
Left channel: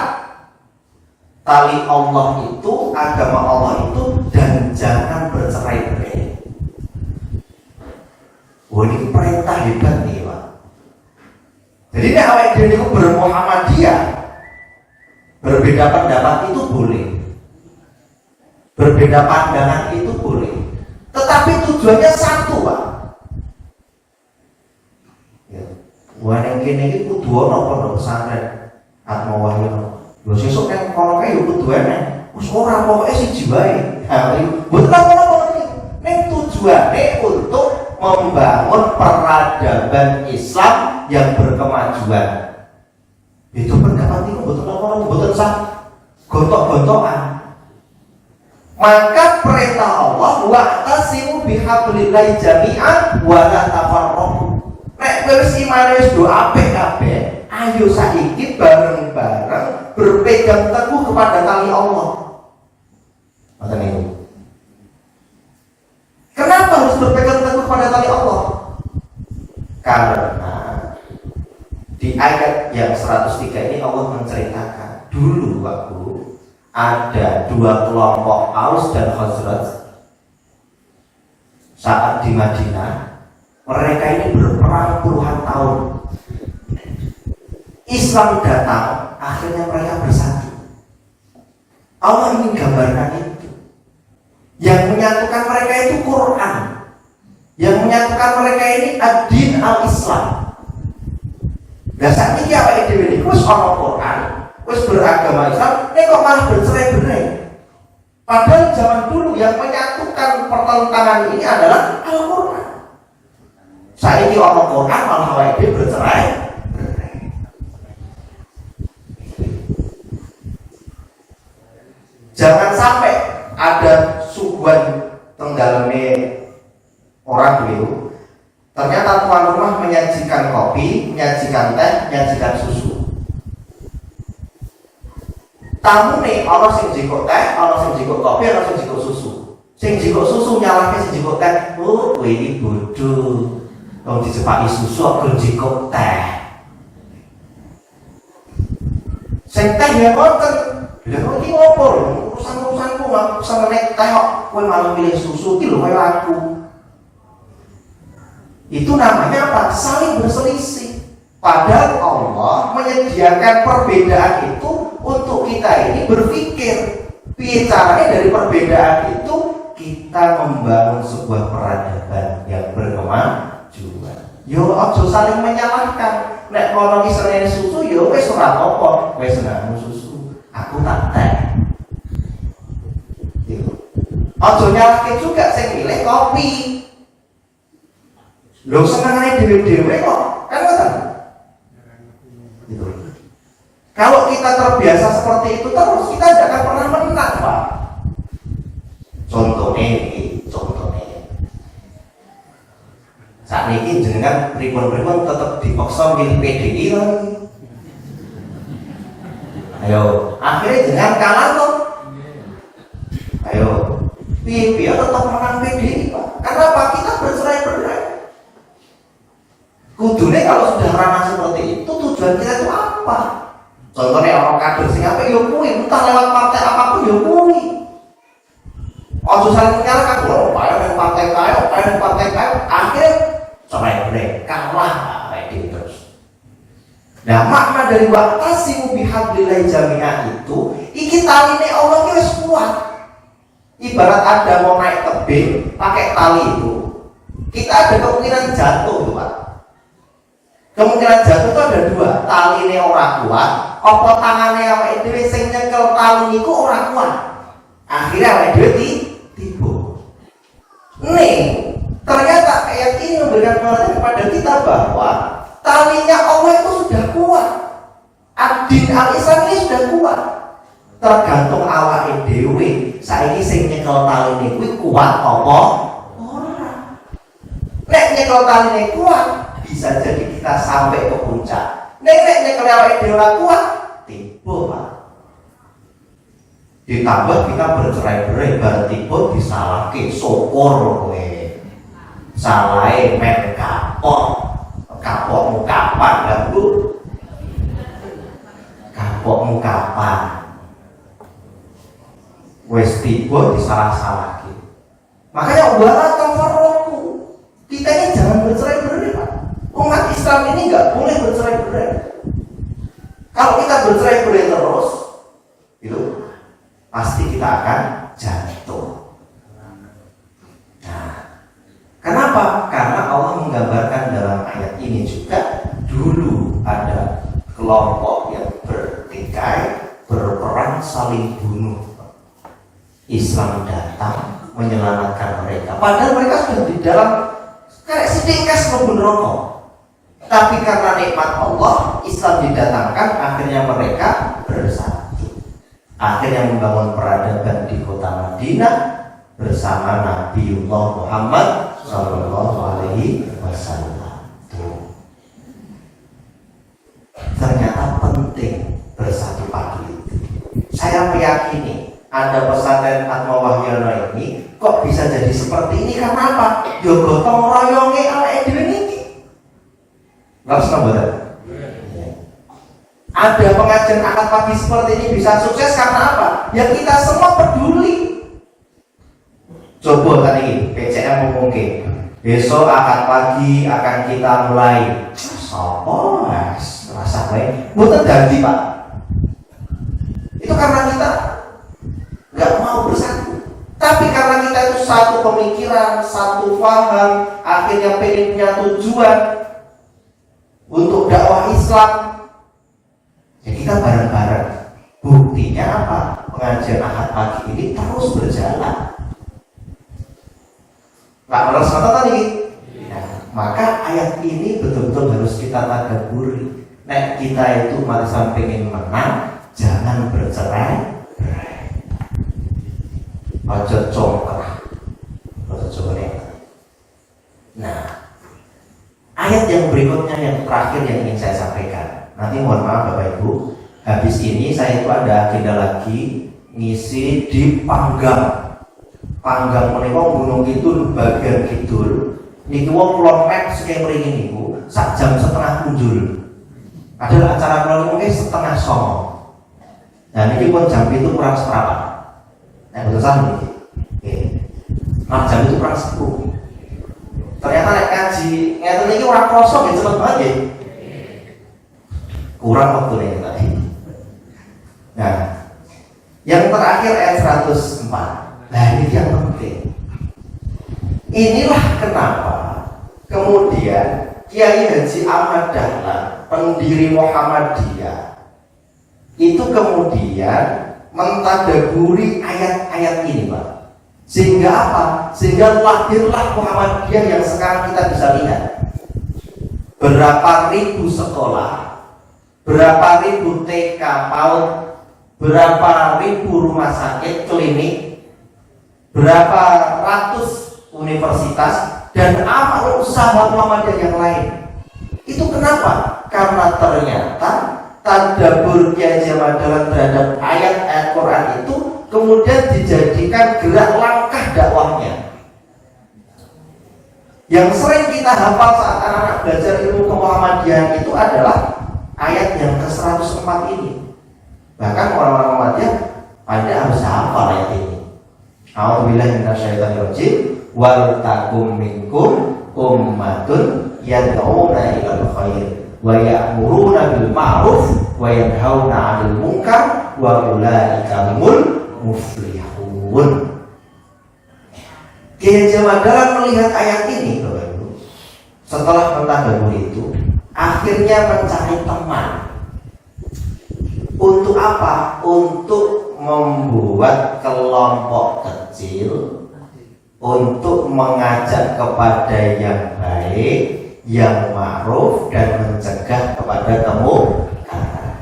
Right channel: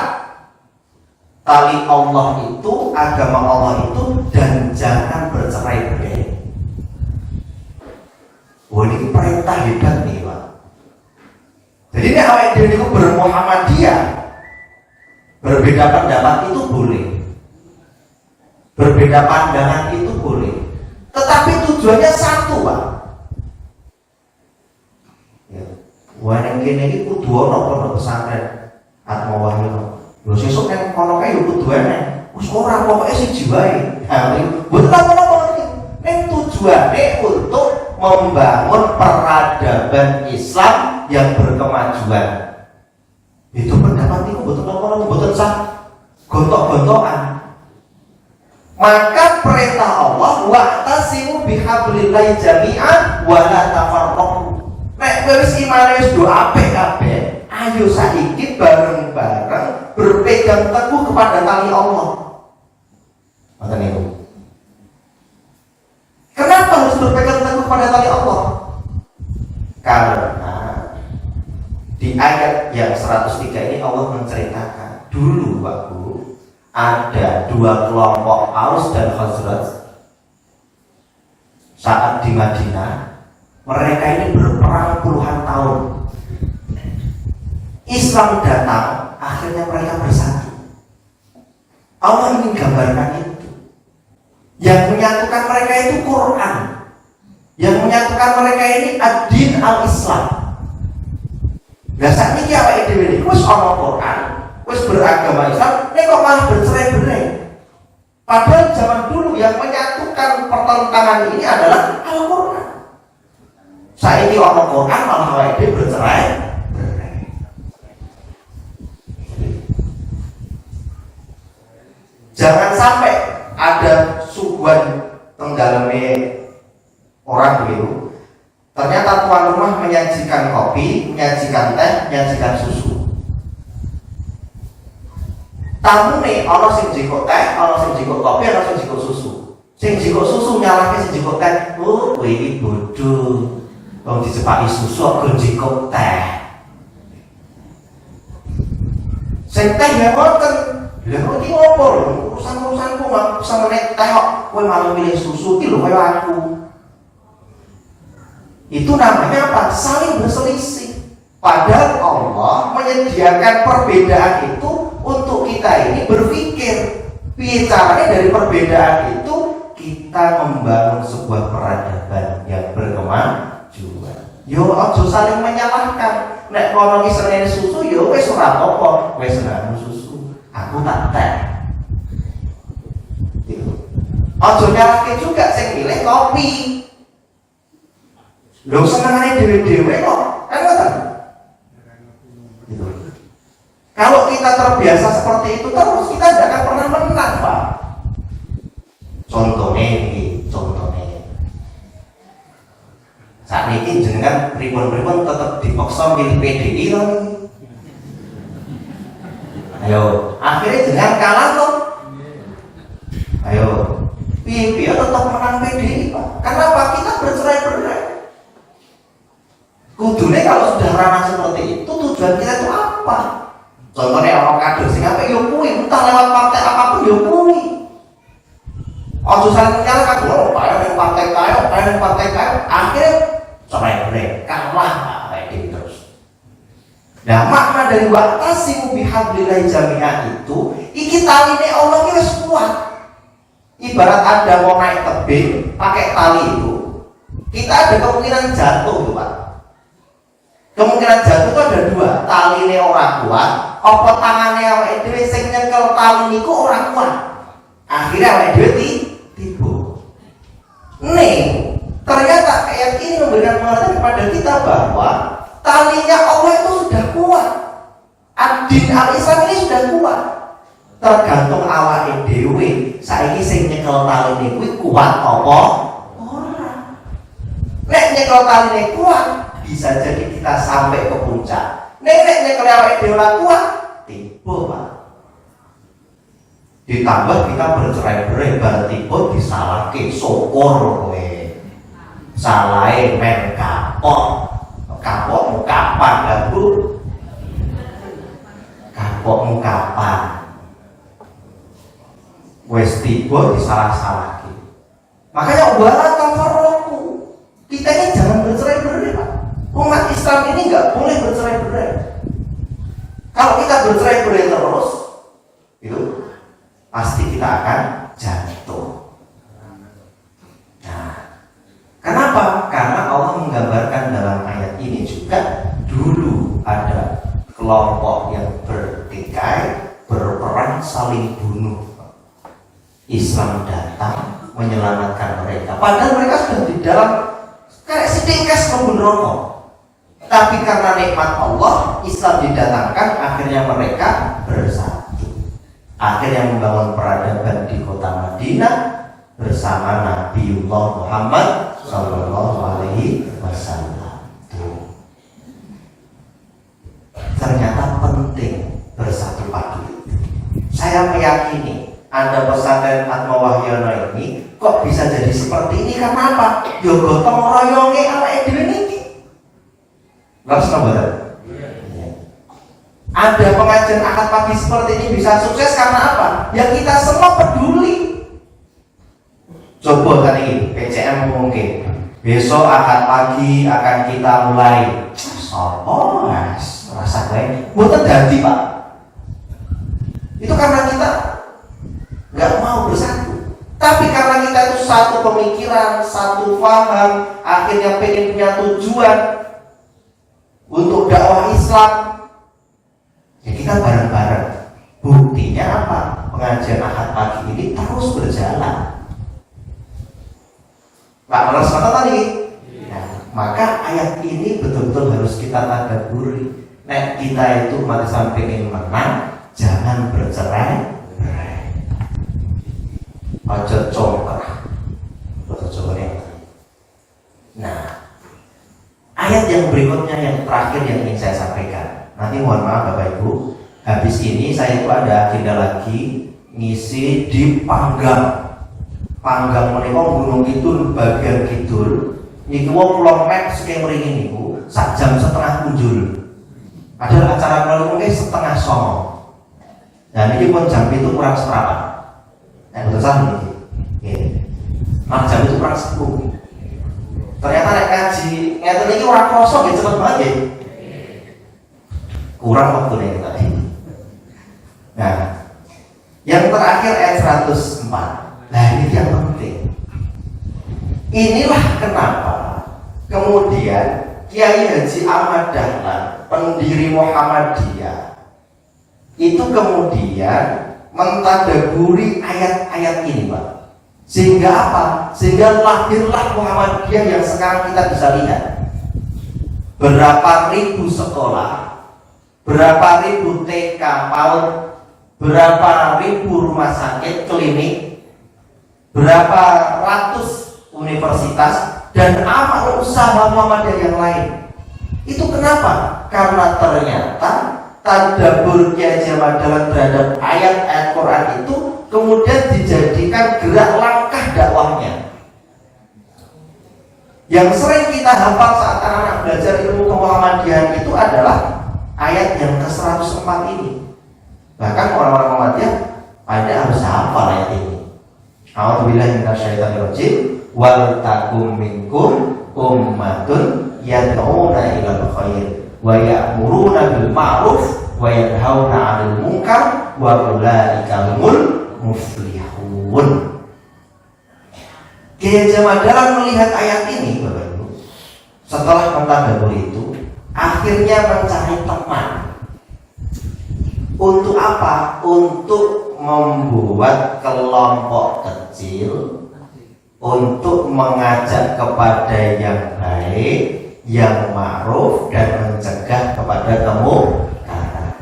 tali Allah itu, agama Allah itu, dan jangan bercerai-berai. Oh, ini perintah hebat nih Pak. Jadi ini awal dia itu bermuhammadiyah, berbeda pendapat itu boleh, berbeda pandangan itu boleh, tetapi tujuannya satu Pak. Wah yang gini kudu ono pondok pesantren atau wahyu. Lho sesuk kan kono kae yo kudu ana. Wis ora pokoke siji wae. Ha betul ono ning tujuane untuk membangun peradaban Islam yang berkemajuan. Itu pendapat itu betul sah gontok-gontokan. Maka perintah Allah wa'tasimu bihablillahi jami'an wa la tafarraqu. Nek wis iman wis do apik kabeh, ayo saiki bareng-bareng berpegang teguh kepada tali Allah. Ngoten niku. Kenapa harus berpegang teguh kepada tali Allah? Karena di ayat yang 103 ini Allah menceritakan dulu waktu ada dua kelompok Aus dan Khazraj saat di Madinah. Mereka ini berperang puluhan tahun. Islam datang, akhirnya mereka bersatu. Allah ingin gambarkan itu. Yang menyatukan mereka itu Quran. Yang menyatukan mereka ini ad-din al-Islam. Dasarnya iki awake dhewe niku wis ana Quran, wis beragama Islam, nek kok malah bercerai-berai. Padahal zaman dulu yang menyatukan pertentangan ini adalah Al-Quran. Saiki ana Quran malah awake dhewe bercerai. Jangan sampai ada suguhan tenggalme orang begitu. Ternyata tuan rumah menyajikan kopi, menyajikan teh, menyajikan susu. Tamu nih, orang sing jiko teh, orang sing jiko kopi, orang sing jiko susu. Sing jiko susu nyalahke sing jiko teh. Oh, kowe iki bodoh. Wong dijepaki susu kok jiko teh. Sing teh ya boten. Lha kok iki ngopo lho? Urusan-urusanku gak usah menek tayok, kowe malah milih susu iki lho kaya aku. Itu namanya apa? Saling berselisih. Padahal Allah menyediakan perbedaan itu untuk kita ini berpikir. Piye caranya dari perbedaan itu kita membangun sebuah peradaban yang berkemajuan. Yo aja saling menyalahkan. Nek kono iki seneng susu yo wis ora apa-apa, wis nganu susu. Aku tak teh. Gitu. Aja nyalahke juga sing milih kopi. Lho senengane dhewe-dhewe kok. Kan ngoten. Gitu. Kalau kita terbiasa seperti itu terus kita tidak akan pernah menang, Pak. Contohnya saat ini jenengan pripun-pripun tetap dipaksa milih PDI loh. Ayo, akhirnya jenengan kalah tuh. Ayo, piye tetap menang PDI, Pak. Kenapa kita bercerai-berai? Kudune kalau sudah ranah seperti itu tujuan kita itu apa? Contohnya orang kader sing apa yo kuwi, entah lewat partai apapun yo kuwi. Ojo saling menyalahkan, lho, pada partai kaya, pada partai kaya, akhirnya cerai-berai, kalah kayak terus. Nah, makna dari wa'tasimu bihablillahi jami'an itu, iki taline Allah ki wis kuat. Ibarat ada mau naik tebing pakai tali itu, kita ada kemungkinan jatuh, Pak. Kemungkinan jatuh itu ada dua, taline orang kuat, apa tangannya awake dhewe sing nyekel tali niku ora kuat. Akhirnya awake dhewe tiba. Nih, ternyata ayat ini memberikan pengertian kepada kita bahwa talinya Allah itu sudah kuat. Ad-din al-Islam ini sudah kuat. Tergantung awake dhewe. Saiki sing nyekel tali niku kuat apa ora. Nek nyekel taline kuat, bisa jadi kita sampai ke puncak. Nek nyekel awake dhewe ora kuat, tiba, Pak. Ditambah kita bercerai-berai berarti pun disalahke syukur kowe. Salahe men kapokmu kapan lah Bu? Kapokmu kapan? Wes tiba disalah-salahke. Makanya wala tafarraqu. Kita ini jangan bercerai-berai, Pak. Umat Islam ini enggak boleh bercerai-berai. Kalau kita bercerai-berai terus, itu pasti kita akan jatuh. Nah, kenapa? Karena Allah menggambarkan dalam ayat ini juga dulu ada kelompok yang bertikai, berperang saling bunuh. Islam datang menyelamatkan mereka. Padahal mereka sudah di dalam kayak sidingkas maupun rokok. Tapi karena nikmat Allah, Islam didatangkan, akhirnya mereka bersatu. Akhirnya membangun peradaban di kota Madinah bersama Nabiullah Muhammad Sallallahu Alaihi Wasallam. Ternyata penting bersatu pagi itu. Saya meyakini ada pesantren Atma Wahyana ini kok bisa jadi seperti ini karena apa? Yo gotong royonge awake dhewe niki. Lalu sahabat. Ada pengajian akad pagi seperti ini bisa sukses karena apa? Ya kita semua peduli. Coba kali ini PCM mungkin besok akad pagi akan kita mulai. Sopo mas rasa baik, bukan ganti Pak. Itu karena kita nggak mau bersatu. Tapi karena kita itu satu pemikiran, satu paham, akhirnya pengen punya tujuan. untuk dakwah Islam. Ya kita bareng-bareng. Buktinya apa? Pengajian Ahad pagi ini terus berjalan. Nah, terus apa tadi? Ya, maka ayat ini betul-betul harus kita tadabburi. Nek kita itu mati sampai ingin menang, jangan bercerai-berai. Ojo congkrah. Ojo Nah, ayat yang berikutnya yang terakhir yang ingin saya sampaikan. Nanti mohon maaf Bapak Ibu, habis ini saya itu ada agenda lagi ngisi di Panggang. Panggang menika Gunung Kidul bagian kidul. Niku pulau mek sekian ringin niku sak jam setengah muncul. Ada acara mungkin setengah songo. Nah ini pun jam itu kurang seperempat. Yang besar ini. Jam itu kurang 10. Ternyata nek kaji ngeten iki ora krasa nggih cepet banget nggih. Kurang waktu nih. Nah, yang terakhir ayat 104. Nah ini yang penting. Inilah kenapa kemudian Kiai Haji Ahmad Dahlan, pendiri Muhammadiyah, itu kemudian mentadaburi ayat-ayat ini, Pak. Sehingga apa? Sehingga lahirlah Muhammadiyah yang sekarang kita bisa lihat. Berapa ribu sekolah, berapa ribu TK, berapa ribu rumah sakit, klinik, berapa ratus universitas, dan amal usaha Muhammadiyah yang lain. Itu kenapa? Karena ternyata tadabbur Kiai Haji Ahmad Dahlan terhadap ayat-ayat Quran itu kemudian dijadikan gerak langkah dakwahnya. Yang sering kita hafal saat anak-anak belajar ilmu Muhammadiyah itu adalah ayat yang ke-104 ini. Bahkan orang Muhammadiyah ada harus hafal ayat ini. A'udzubillahi minasyaitonir rajim. Wal takum minkum ummatun yad'una ilal khair wa ya'muruna bil ma'ruf wa yanhauna 'anil munkar wa ulaika humul muflihun. Kiai Haji Ahmad Dahlan melihat ayat ini, Bapak Ibu, setelah mentadabburi itu, akhirnya mencari teman. Untuk apa? Untuk membuat kelompok kecil, untuk mengajak kepada yang baik, yang ma'ruf, dan mencegah kepada kemungkaran.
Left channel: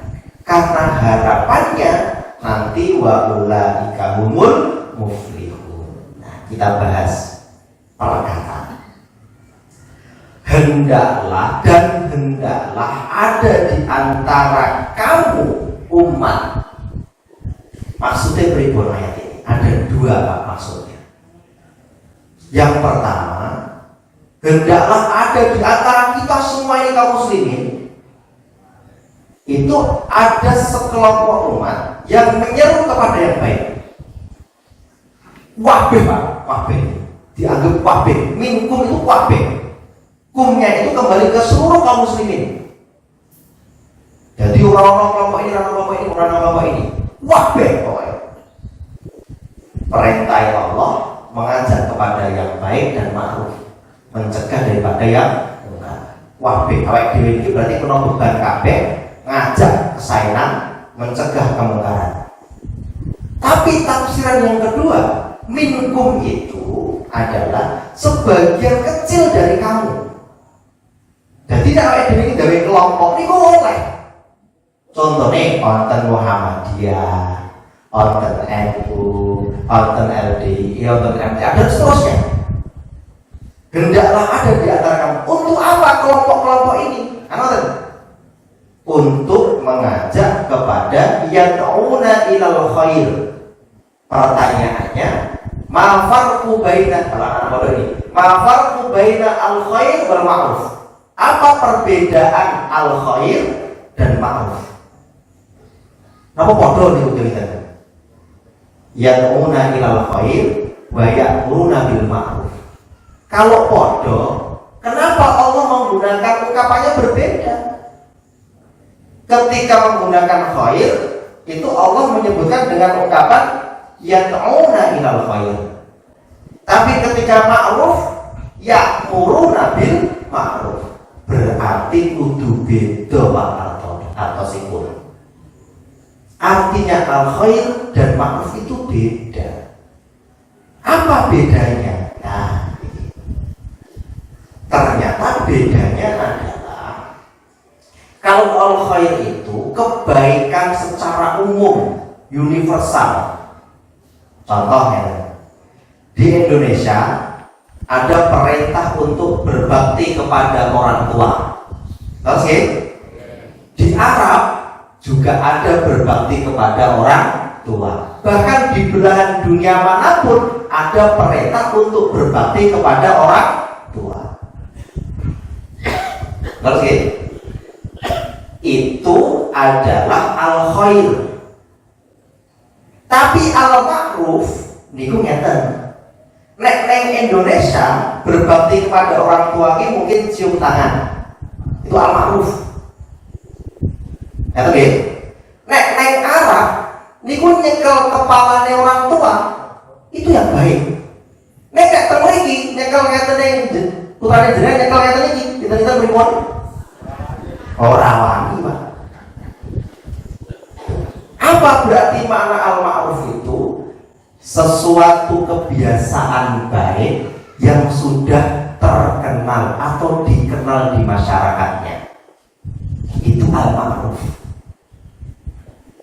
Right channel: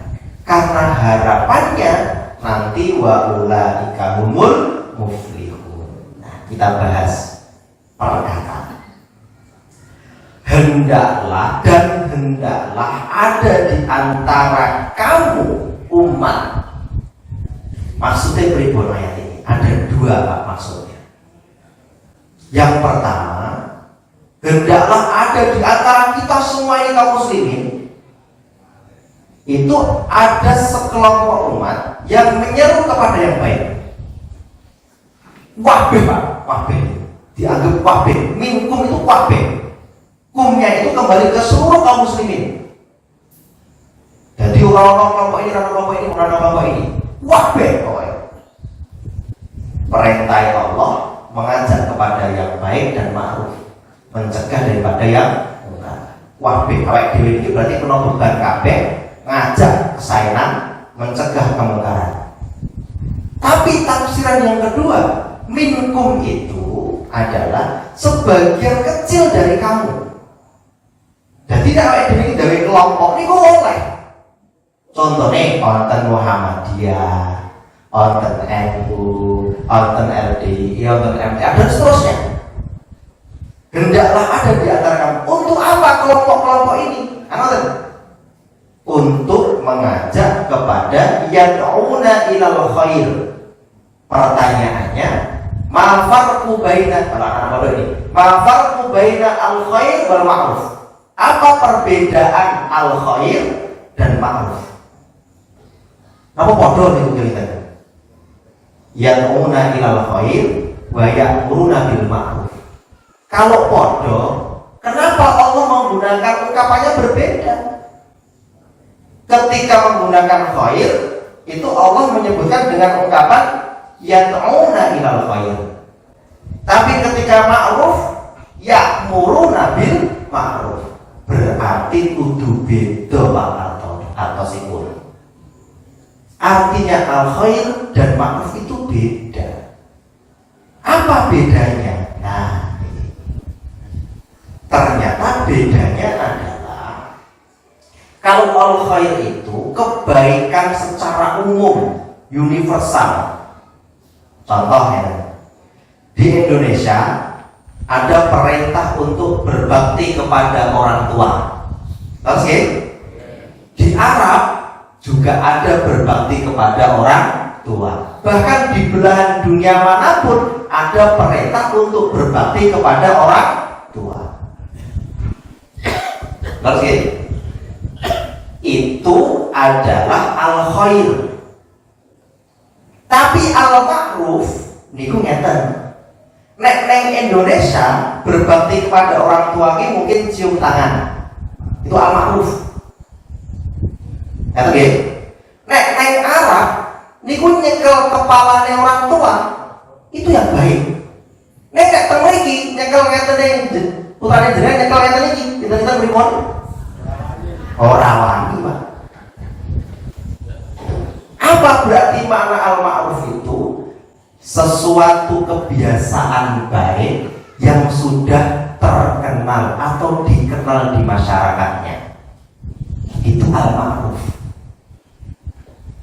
Karena harapannya nanti wa ulaika humul muflihun. Nah, kita bahas perkataan. Hendaklah dan hendaklah ada di antara kamu umat. Maksudnya berikut ayat ini ada dua maksudnya. Yang pertama, hendaklah ada di antara kita semua ini kaum muslimin, itu ada sekelompok umat yang menyeru kepada yang baik. Wabih, dianggap wabih. Minkum itu wabih. Kumnya itu kembali ke seluruh kaum muslimin. Jadi orang-orang kelompok ini, orang-orang kelompok ini, wabih pokoknya. Perintah Allah mengajak kepada yang baik dan ma'ruf, mencegah daripada yang mungkar. Wabih, awake dhewe iki berarti kena beban kabeh, ngajak kesaenan, mencegah kemungkaran. Tapi tafsiran yang kedua, minkum itu adalah sebagian kecil dari kamu. Jadi awake dhewe iki gawe kelompok niku oleh. Contohnya konten Muhammadiyah, konten NU, konten LDI, konten MTA, dan seterusnya. Hendaklah ada di antara kamu. Untuk apa kelompok-kelompok ini? Untuk mengajak kepada yad'una ilal khair. Pertanyaannya, ma farqu baina al-khair wal ma'ruf? Apa perbedaan al-khair dan ma'ruf? Apa bodoh nih kita? Yad'una ilal khair wa ya'muruna bil ma'ruf. Kalau bodoh, kenapa Allah menggunakan ungkapannya berbeda? Ketika menggunakan khair, itu Allah menyebutkan dengan ungkapan yad'una ilal khair. Tapi ketika ma'ruf, ya'muruna bil ma'ruf. Berarti berarti kudu beda Pak atau sipun. Artinya al-khair dan ma'ruf itu beda. Apa bedanya? Nah, ternyata bedanya adalah kalau al-khair itu kebaikan secara umum, universal. Contohnya di Indonesia ada perintah untuk berbakti kepada orang tua. Oke? Di Arab juga ada berbakti kepada orang tua. Bahkan di belahan dunia manapun ada perintah untuk berbakti kepada orang tua. Oke? Itu adalah al-khair. Tapi al-ma'ruf niku ngeten. Nek neng Indonesia berbakti kepada orang tua ini mungkin cium tangan. Itu al-ma'ruf. Oke. Nek neng Arab niku nyekel kepalane orang tua itu yang baik. Nek teng mriki nyekel ngeten putane jenengan nyekel ngeten iki, dinten pripun? Ora wani, Pak. Apa berarti makna al-ma'ruf itu? Sesuatu kebiasaan baik yang sudah terkenal atau dikenal di masyarakatnya. Itu al-ma'ruf.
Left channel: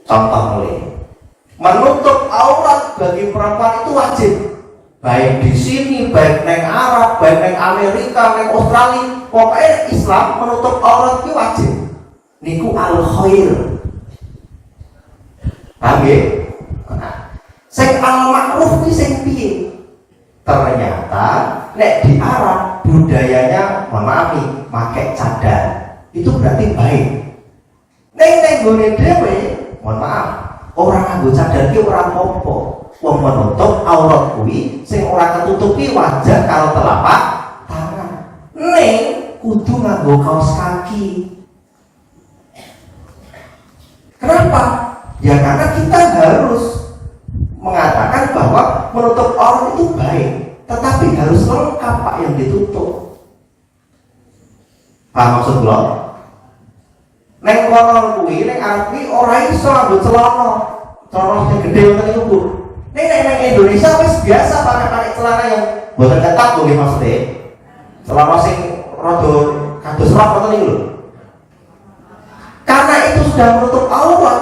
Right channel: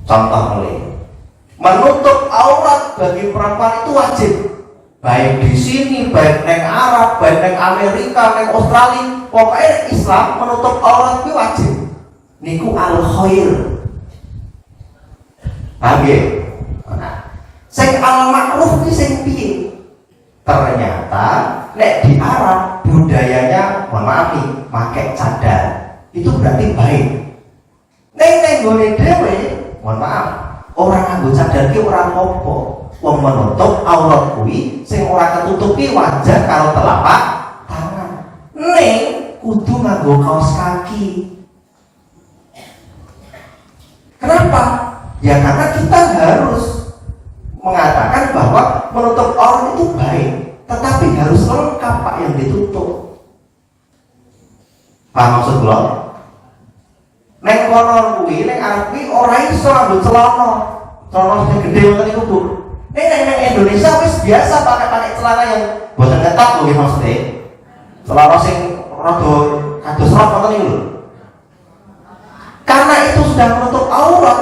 Contoh mulai, menutup aurat bagi perempuan itu wajib. Baik di sini, baik neng Arab, baik neng Amerika, neng Australia, pokoknya Islam menutup aurat itu wajib. Niku al-khair. Oke. Sing al-ma'ruf ki sing piye? Ternyata nek di Arab budayanya maaf nih, pakai cadar. Itu berarti baik. Nek gone dhewe, maaf, orang nganggo cadar ki ora apa-apa. Wong menutup aurat kuwi sing ora ketutupi wajah karo telapak tangan. Nek kudu nganggo kaos kaki. Kenapa? Ya karena kita harus mengatakan bahwa menutup aurat itu baik, tetapi harus lengkap Pak yang ditutup. Paham maksud kula? Nek kono kuwi, nek arep kuwi ora iso nganggo celana. Celana sing gedhe ngoten iku, Bu. Nek Indonesia wis biasa pakai celana yang boten ketat lho maksudnya. Celana sing rada kados rok ngoten niku lho. Karena itu sudah menutup aurat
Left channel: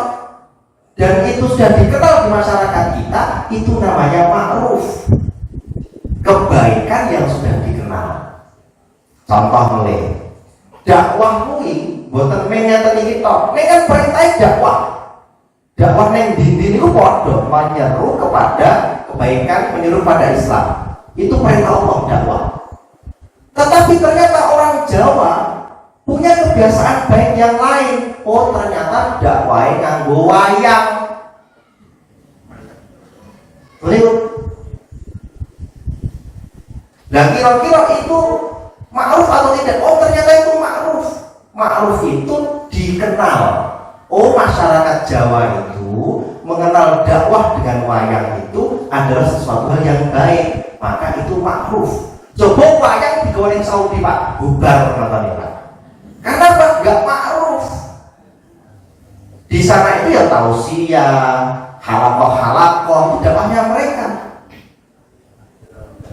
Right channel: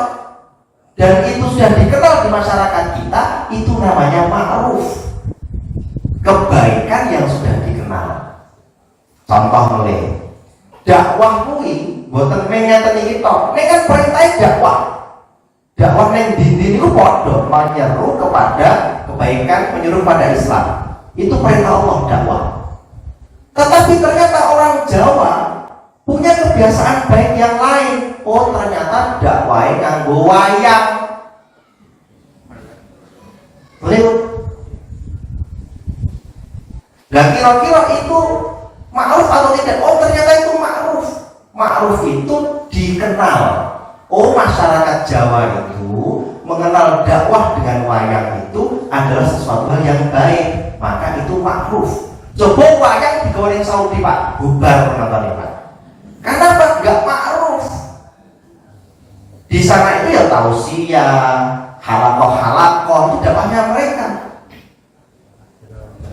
dan itu sudah dikenal di masyarakat kita, itu namanya ma'ruf. Kebaikan yang sudah dikenal. Contoh mulai dakwah kuwi boten ngeten iki tok. Nek kan perintah dakwah. Dakwah nang dindi niku padha menyeru kepada kebaikan, menyuruh pada Islam. Itu perintah Allah dakwah. Tetapi ternyata orang Jawa punya kebiasaan baik yang lain. Oh ternyata dakwah nganggo wayang. Betul? Nah kira-kira itu ma'ruf atau tidak? Oh ternyata itu ma'ruf. Ma'ruf itu dikenal. Oh masyarakat Jawa itu mengenal dakwah dengan wayang itu adalah sesuatu yang baik. Maka itu ma'ruf. Coba wayang digoreng Saudi Pak, bubar Pak. Kenapa enggak ma'ruf? Di sana itu ya tausiah, halakoh itu dakwahnya mereka.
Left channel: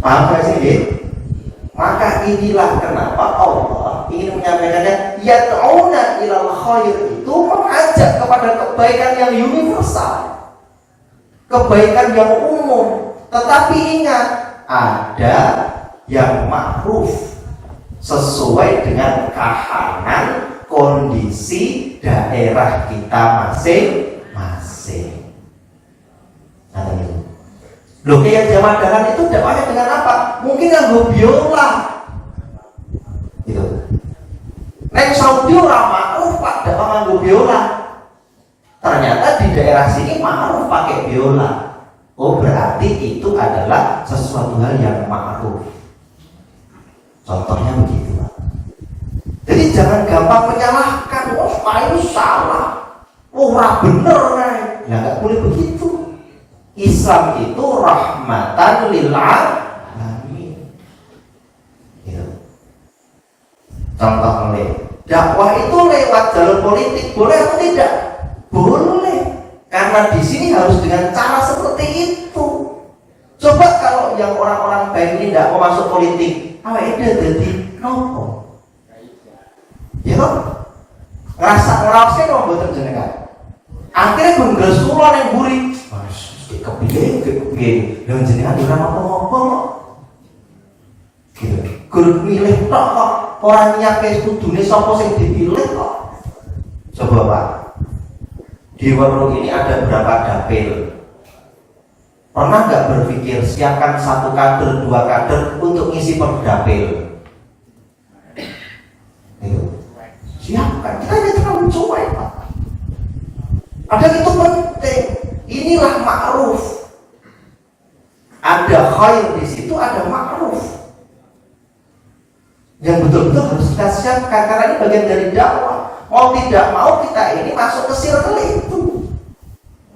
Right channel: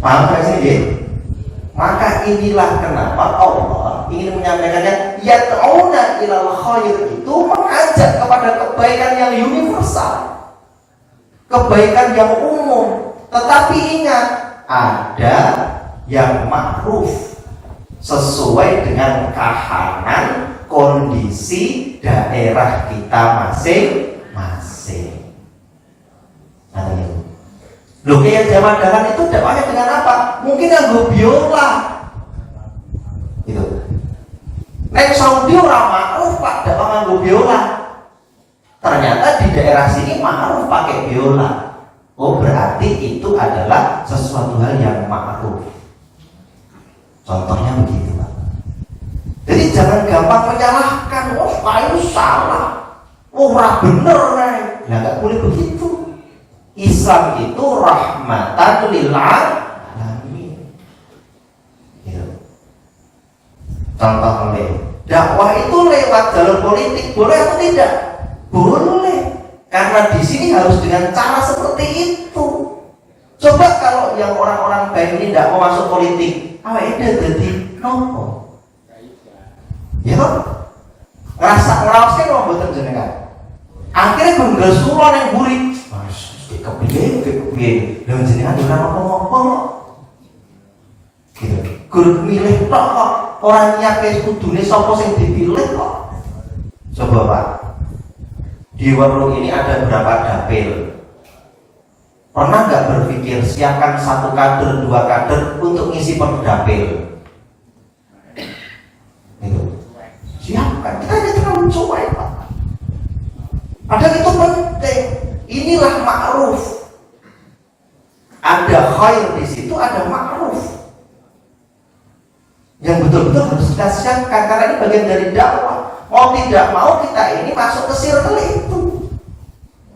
Paham gak sih? Maka inilah kenapa Allah ingin menyampaikannya yad'una ilal khair itu mengajak kepada kebaikan yang universal, kebaikan yang umum. Tetapi ingat, ada yang ma'ruf sesuai dengan kahanan kondisi daerah kita masing-masing. Loh yang zaman dahulu itu dakwahnya dengan apa? Mungkin nganggo biola. Gitu. Nek Saudi ora ma'ruf Pak dakwah nganggo biola. Ternyata di daerah sini ma'ruf pakai biola. Oh berarti itu adalah sesuatu hal yang ma'ruf. Contohnya begitu. Jadi jangan gampang menyalahkan. Oh ini salah. Oh ora bener nih. Ya nggak boleh begitu. Islam itu rahmatan lil alamin. Ya. Contoh dakwah itu lewat jalur politik boleh atau tidak? Boleh, karena di sini harus dengan cara seperti itu. Coba kalau yang orang-orang baik ini tidak mau masuk politik, awalnya jadi nopo, ya toh? Ngerasa loh buat jenengan. Akhirnya bangga semua yang buri, kepiye, dengan jenengan tidak apa-apa. Gitu. Guru milih kok orang nyiapin kudune sapa sing dipilih kok. Coba Pak, di warung ini ada berapa dapil? Pernah nggak berpikir siapkan 1 kader, 2 kader untuk ngisi per dapil? Itu siapkan, kita terlalu cuek Pak. Padahal itu penting. Inilah ma'ruf. Ada khair di situ, ada ma'ruf. Yang betul-betul harus kita siapkan, karena ini bagian dari dakwah. Mau tidak mau kita ini masuk ke circle itu,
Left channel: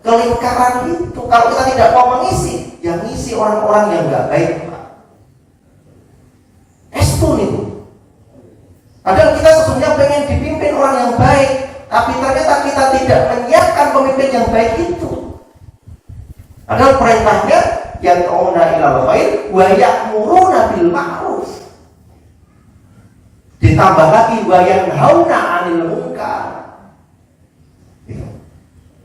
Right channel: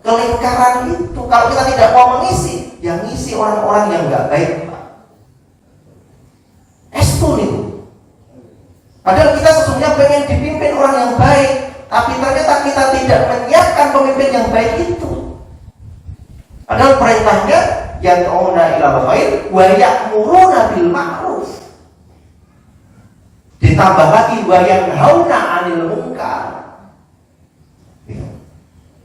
ke lingkaran itu. Kalau kita tidak mau mengisi, yang ngisi orang-orang yang nggak baik, espun itu. Padahal kita sesungguhnya pengen dipimpin orang yang baik, tapi ternyata kita tidak menyiapkan pemimpin yang baik itu. Padahal perintahnya yang yad'una ilal khair wa ya'muruna bil ma'ruf. Ditambah lagi wa yanhauna 'anil munkar.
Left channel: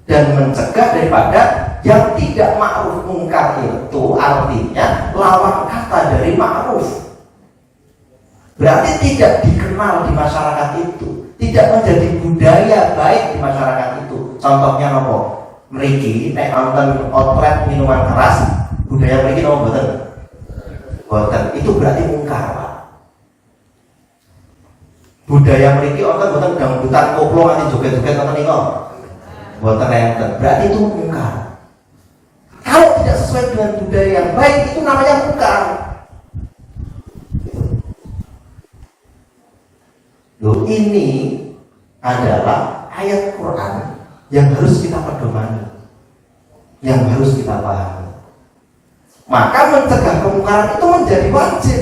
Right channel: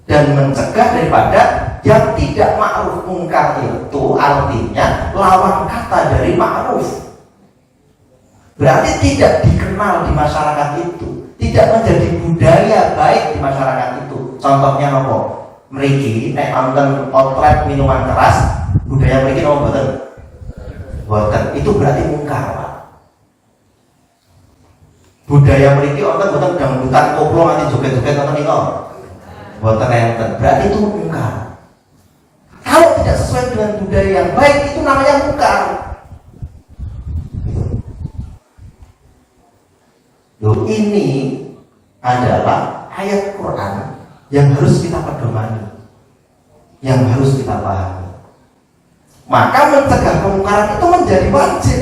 Dan mencegah daripada yang tidak ma'ruf. Munkar itu artinya lawan kata dari ma'ruf. Berarti tidak dikenal di masyarakat itu, tidak menjadi budaya baik di masyarakat itu. Contohnya nopo? Mriki nek wonten outlet minuman keras, budaya mriki nopo mboten? Mboten. Itu berarti mungkar, Pak. Budaya mriki wonten mboten dangdutan koplo nganti joget-joget wonten niku? Mboten enten. Berarti itu mungkar. Kalau tidak sesuai dengan budaya yang baik, itu namanya mungkar. Loh, ini adalah ayat Quran yang harus kita pedomani, yang harus kita pahami. Maka mencegah mungkar itu menjadi wajib.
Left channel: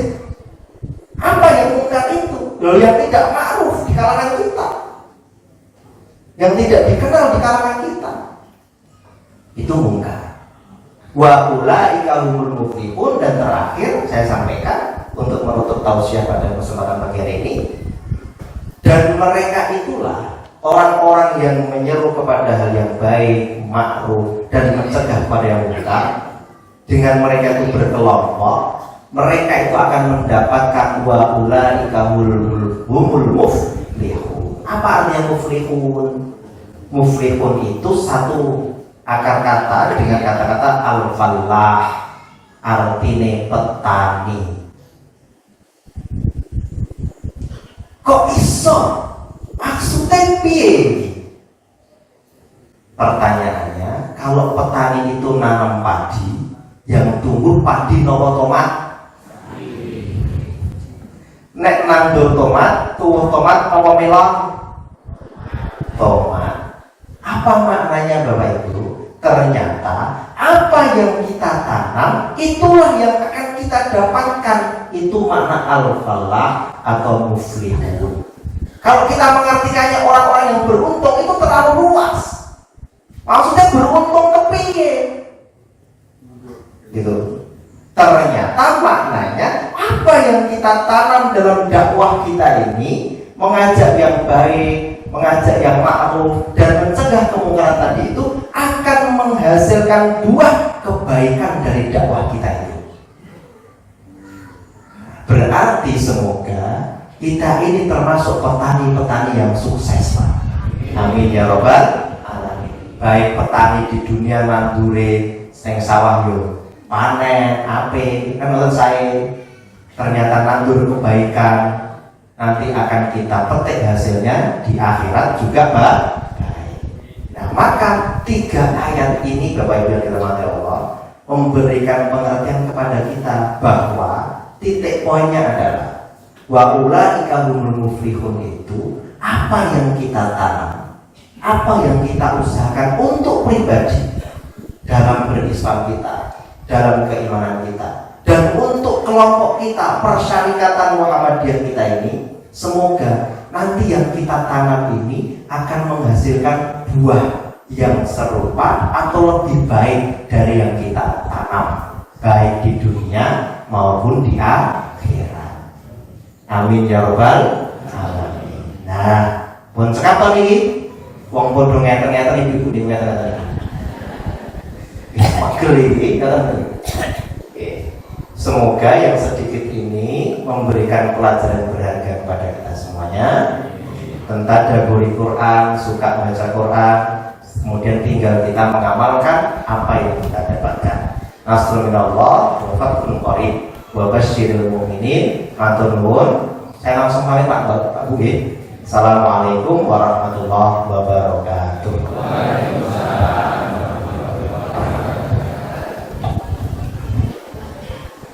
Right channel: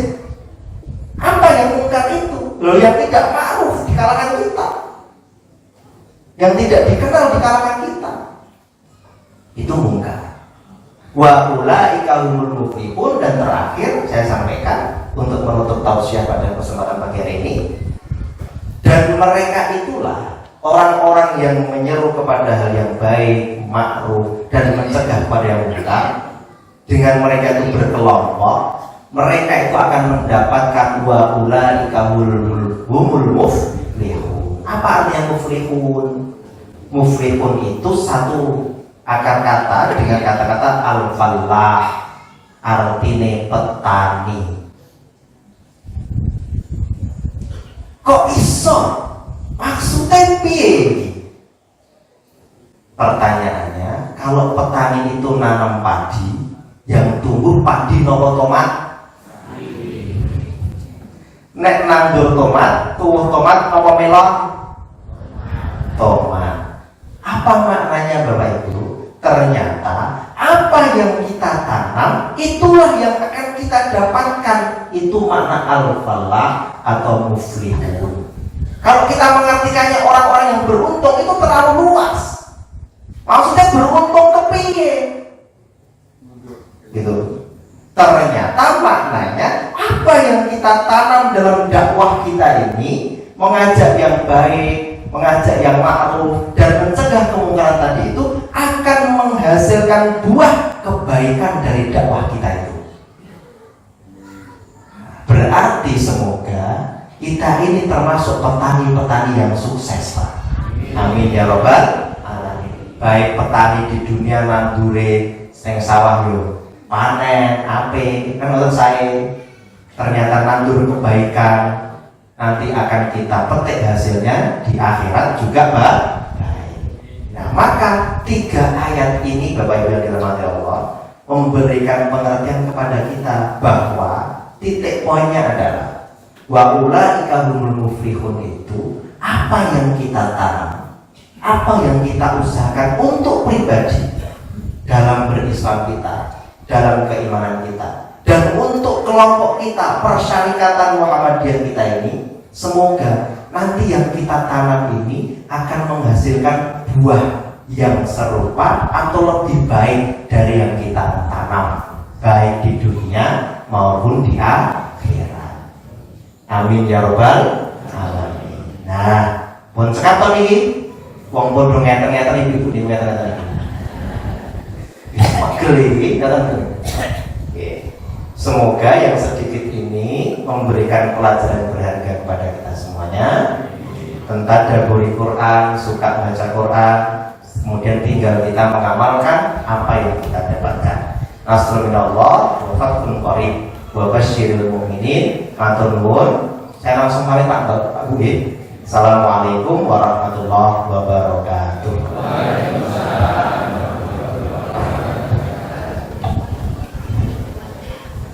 Apa yang mungkar itu? Loh, yang tidak ma'ruf di kalangan kita, yang tidak dikenal di kalangan kita, itu mungkar. Wa ulaika humul muflihun. Dan terakhir saya sampaikan untuk menutup tausiah pada kesempatan pagi hari ini, dan mereka itulah orang-orang yang menyeru kepada hal yang baik, ma'ruf, dan mencegah pada yang munkar. Dengan mereka itu berkelompok, mereka itu akan mendapatkan wa ulaika humul muflihun. Apa artinya muflihun? Muflihun itu satu akar kata dengan kata-kata al-falah, artinya petani. Kok iso? Maksudnya piye? Pertanyaannya, kalau petani itu nanam padi, yang tumbuh padi nopo tomat? Nek nandur tomat, tumbuh tomat nopo melon? Tomat. Apa maknanya Bapak Ibu? Ternyata apa yang kita tanam, itulah yang akan kita dapatkan. Itu makna al-falah atau muflihun. Kalau kita mengartikannya orang-orang yang beruntung, itu terlalu luas. Maksudnya beruntung kepiye? Gitu. Ternyata maknanya apa yang kita tanam dalam dakwah kita ini, mengajak yang baik, mengajak yang ma'ruf, dan mencegah kemungkaran tadi itu akan menghasilkan buah kebaikan dari dakwah kita itu. Berarti semoga kita ini termasuk petani-petani yang sukses, Pak. Amin ya robbal alamin. Baik petani di dunia nandure sing sawah yo panen ape, menurut saya ternyata nandur kebaikan, nanti akan kita petik hasilnya di akhirat juga baik. Nah, maka 3 ayat ini Bapak Ibu yang dirahmati Allah memberikan pengertian kepada kita bahwa titik poinnya adalah wa ulaika humul muflihun. Itu apa yang kita tanam, apa yang kita usahakan untuk pribadi dalam berislam kita, dalam keimanan kita, dan untuk kelompok kita, persyarikatan Muhammadiyah kita ini. Semoga nanti yang kita tanam ini akan menghasilkan buah yang serupa atau lebih baik dari yang kita tanam, baik di dunia maupun di akhirat. Amin ya robbal alamin. Nah, pun sekarang ini wong bodoh ngeten-ngeten ibu di ngeten-ngeten. Geli semoga yang sedikit ini memberikan pelajaran berharga kepada kita semuanya tentang daburi Quran, suka baca Quran, kemudian tinggal kita mengamalkan apa yang kita dapatkan. Nasrul minallah wa fathun qarib wa basyiril mu'minin. Matur nuwun. Saya langsung pamit Pak Bu. Assalamualaikum warahmatullahi wabarakatuh. Waalaikumsalam.